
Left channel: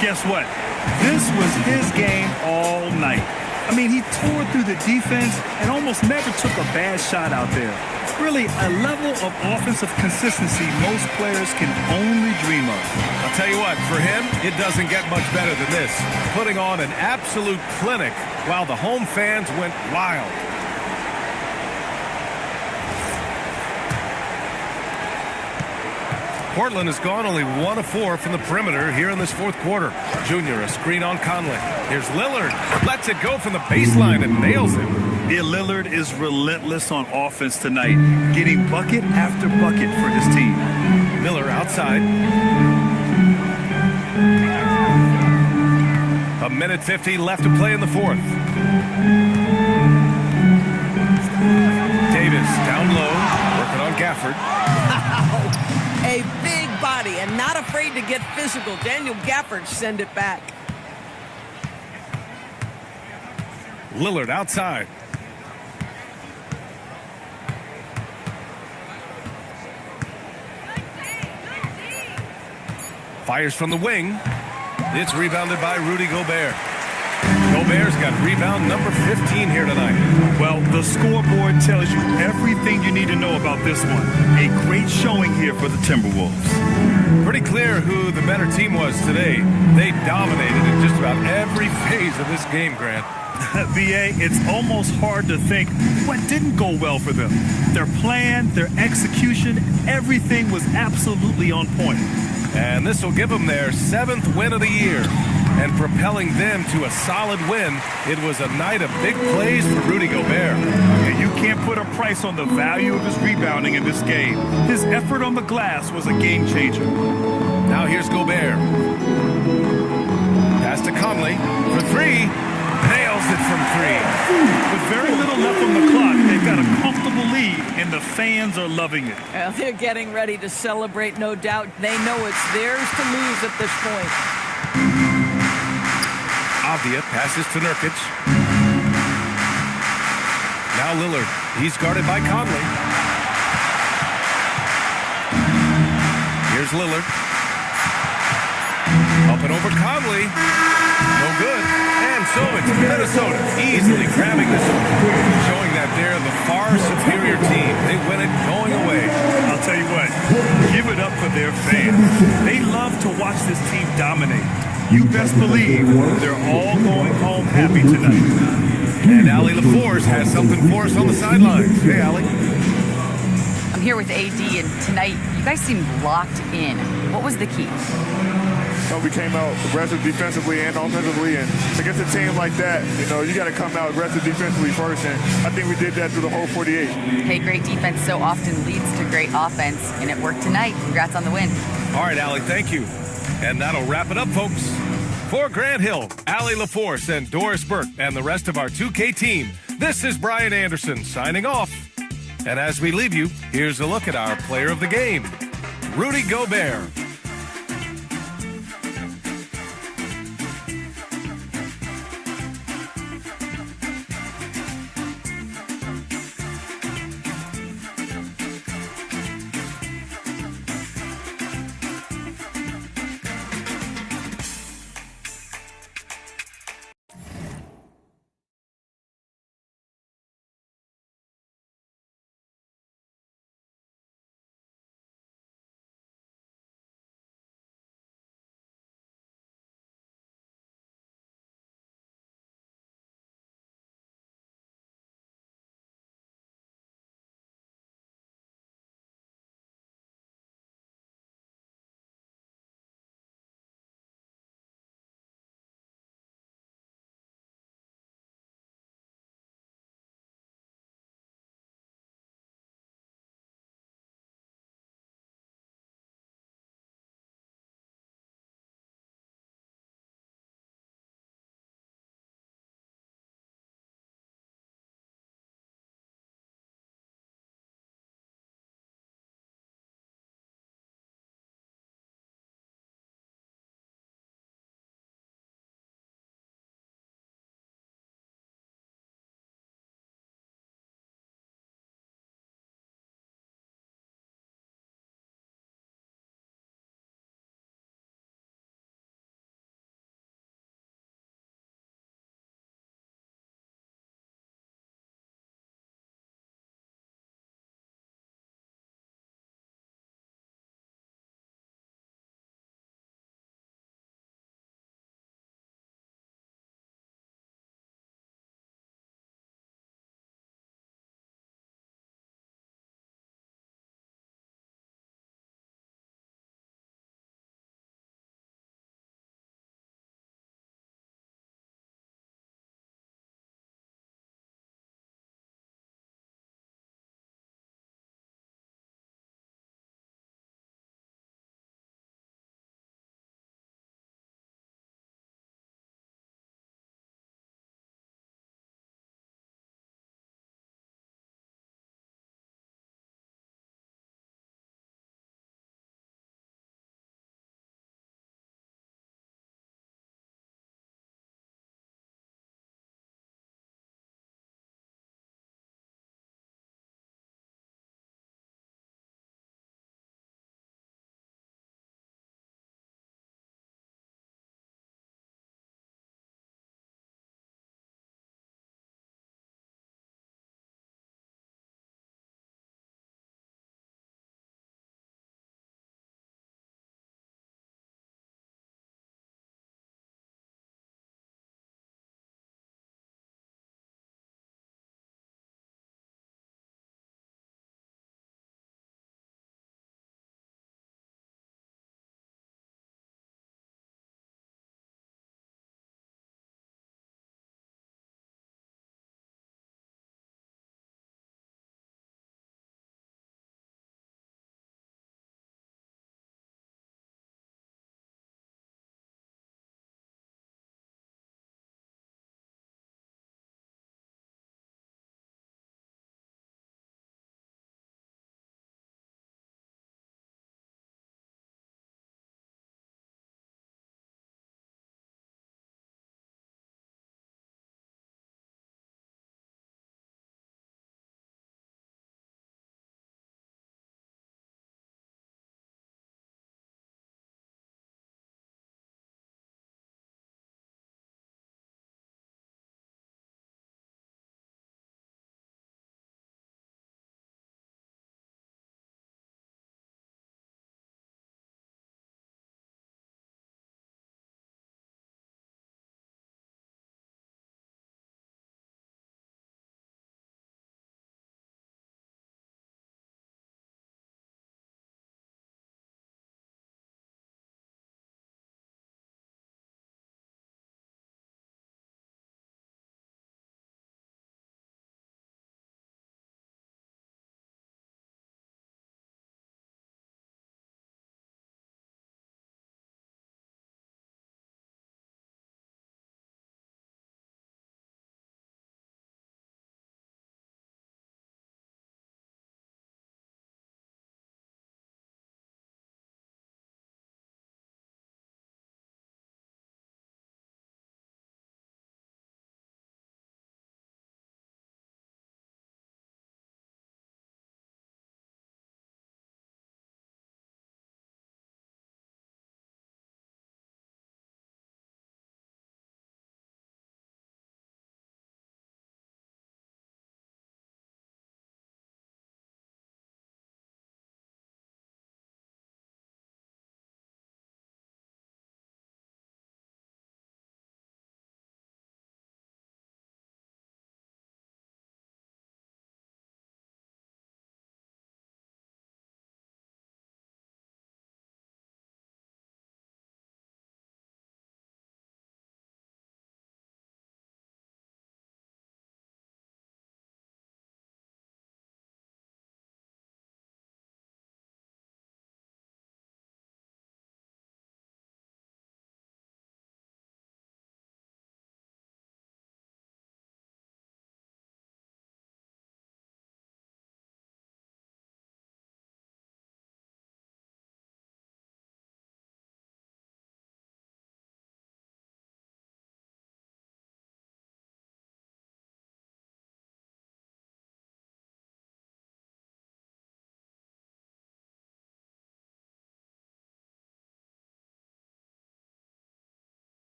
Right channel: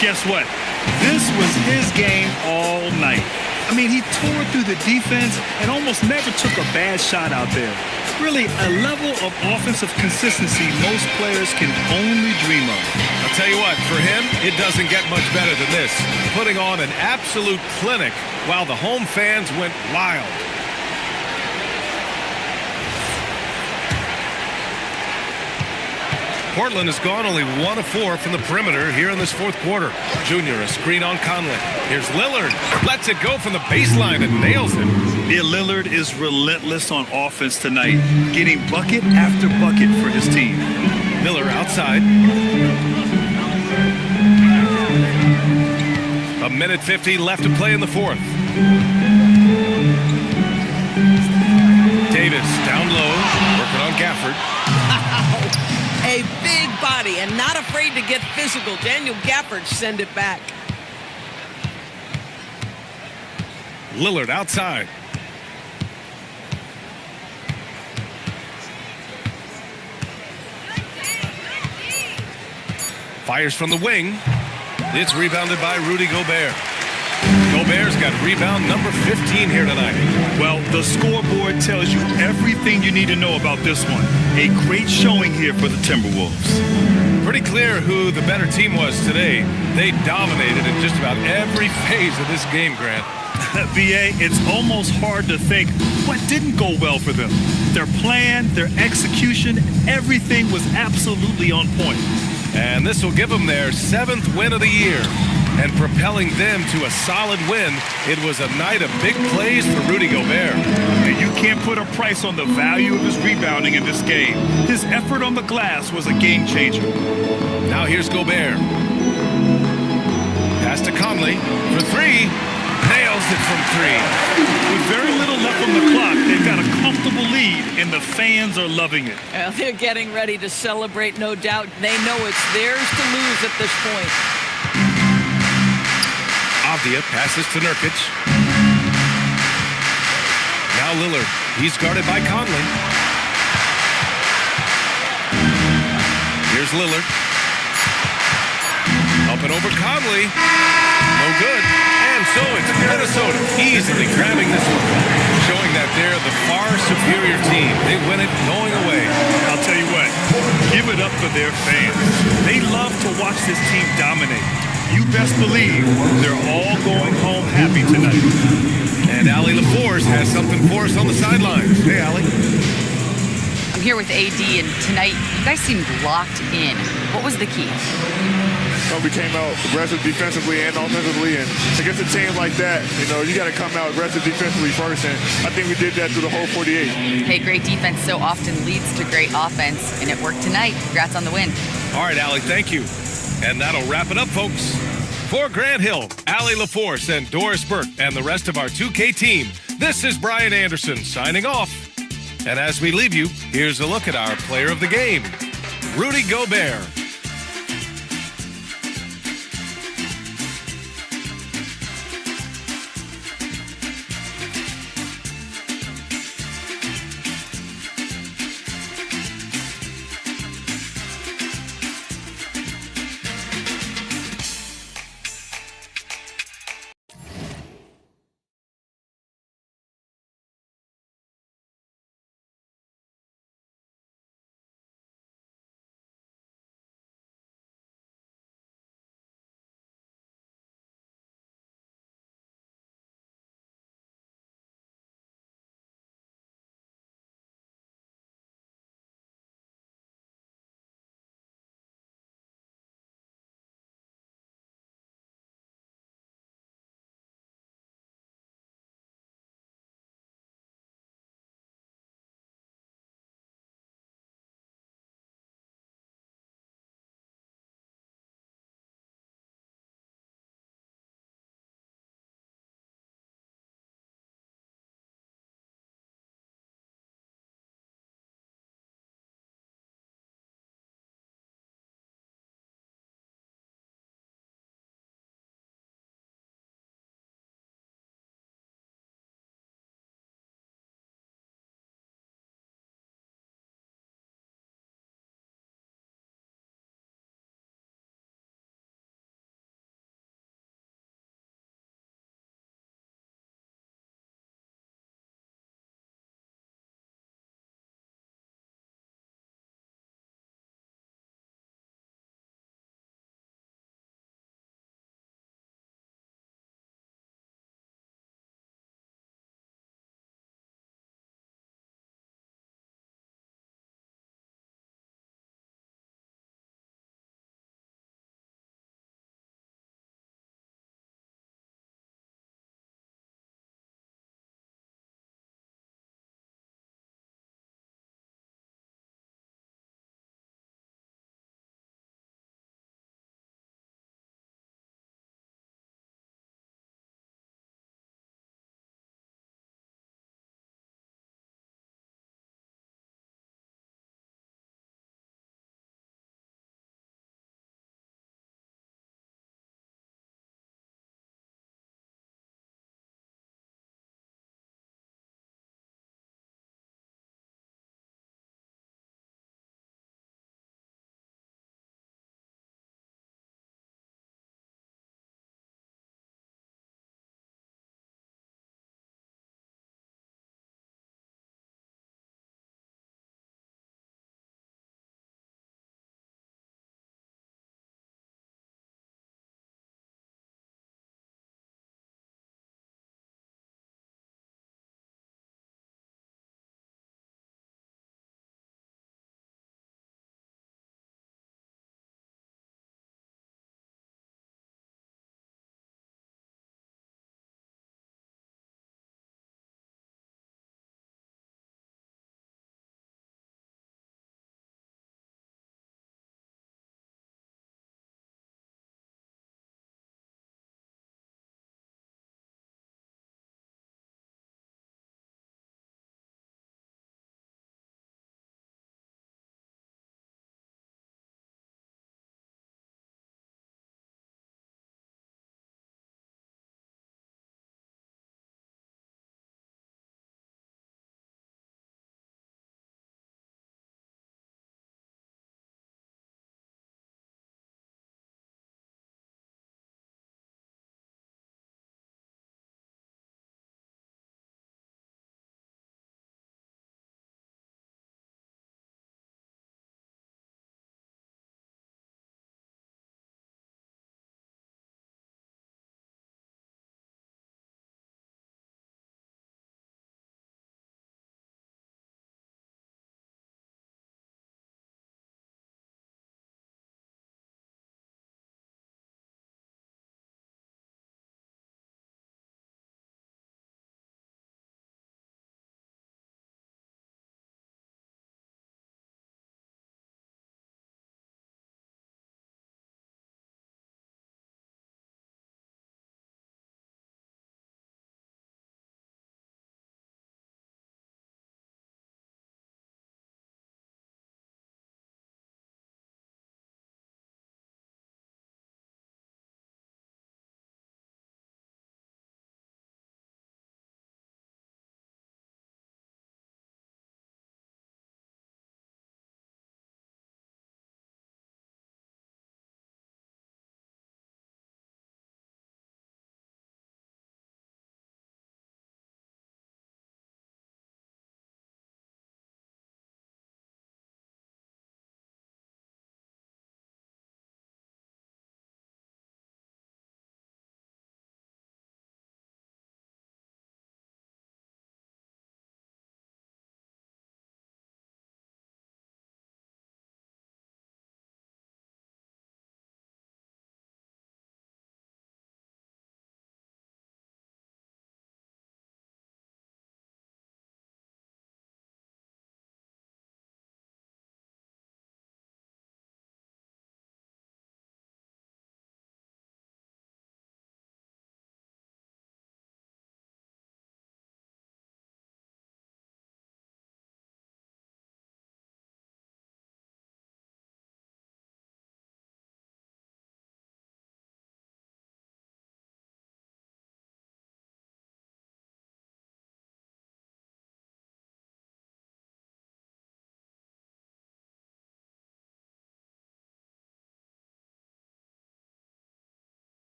guess what? This was his game all night. I mean, he tore through the defense and almost never took a bad shot out there. Really, a level of offensive consistency most players can only dream of. I'll tell you what, for him, it doesn't get much better than this. Putting on an absolute clinic while the home fans went wild. Portland has gone only 1 of 4 from the perimeter here in this fourth quarter. Junior, a screen on Conley. Here's Lillard. Lets it go from the baseline and nails it. Yeah, Lillard is relentless on offense tonight, getting bucket after bucket for his team. Miller outside. A minute 50 left to play in the fourth. Davis down low, working on Gafford. A big body and not afraid to get physical. Daniel Gafford send it back. Lillard outside. Fires from the wing. It's rebounded by Rudy Gobert. Gobert's got rebound number 15 here tonight. Well, the scoreboard tells you everything you need to know about this one. A great showing here for the Timberwolves. Pretty clear who the better team was today. They dominated in just about every phase of this game, Grant. BA, it's almost hard to think what didn't go well for them. Their plan, their execution, everything was absolutely on point. And this will give them their 7th win of the year. And propelling them to a solid win, it was a night of big plays for Rudy Gobert. And you can't put a price on the value of his rebounding in this game. His effort on the glass was a game changer. Now here's Gobert. Pass to Conley for 3. Nails it from 3. With very little left on the clock, they've got a comfortable lead, and the fans are loving it. Well, they're getting ready to celebrate, no doubt. They know it's theirs to lose at this point. Avdia passes to Nurkic. Now Lillard. He's guarded by Conley. Here's Lillard. Up and over Conley. No good. And so it's Minnesota easily grabbing this one, showing that they're the far superior team. They win it going away. I'll tell you what, give it up for their fans. They love to watch this team dominate. You best believe they're all going home happy tonight. And Allie LaForce has something for us on the sidelines. Hey, Allie. I'm here with AD, and tonight you guys seemed locked in. What was the key? We came out aggressive defensively and offensively, and against a team like that, you got to come out aggressive defensively first, and I think we did that through the whole 48. Hey, great defense so often leads to great offense, and it worked tonight. Congrats on the win. All right, Allie, thank you. And that'll wrap it up, folks. For Grant Hill, Allie LaForce, and Doris Burke, and the rest of our 2K team, this is Brian Anderson signing off. And as we leave you, here's a look at our player of the game, Rudy Gobert.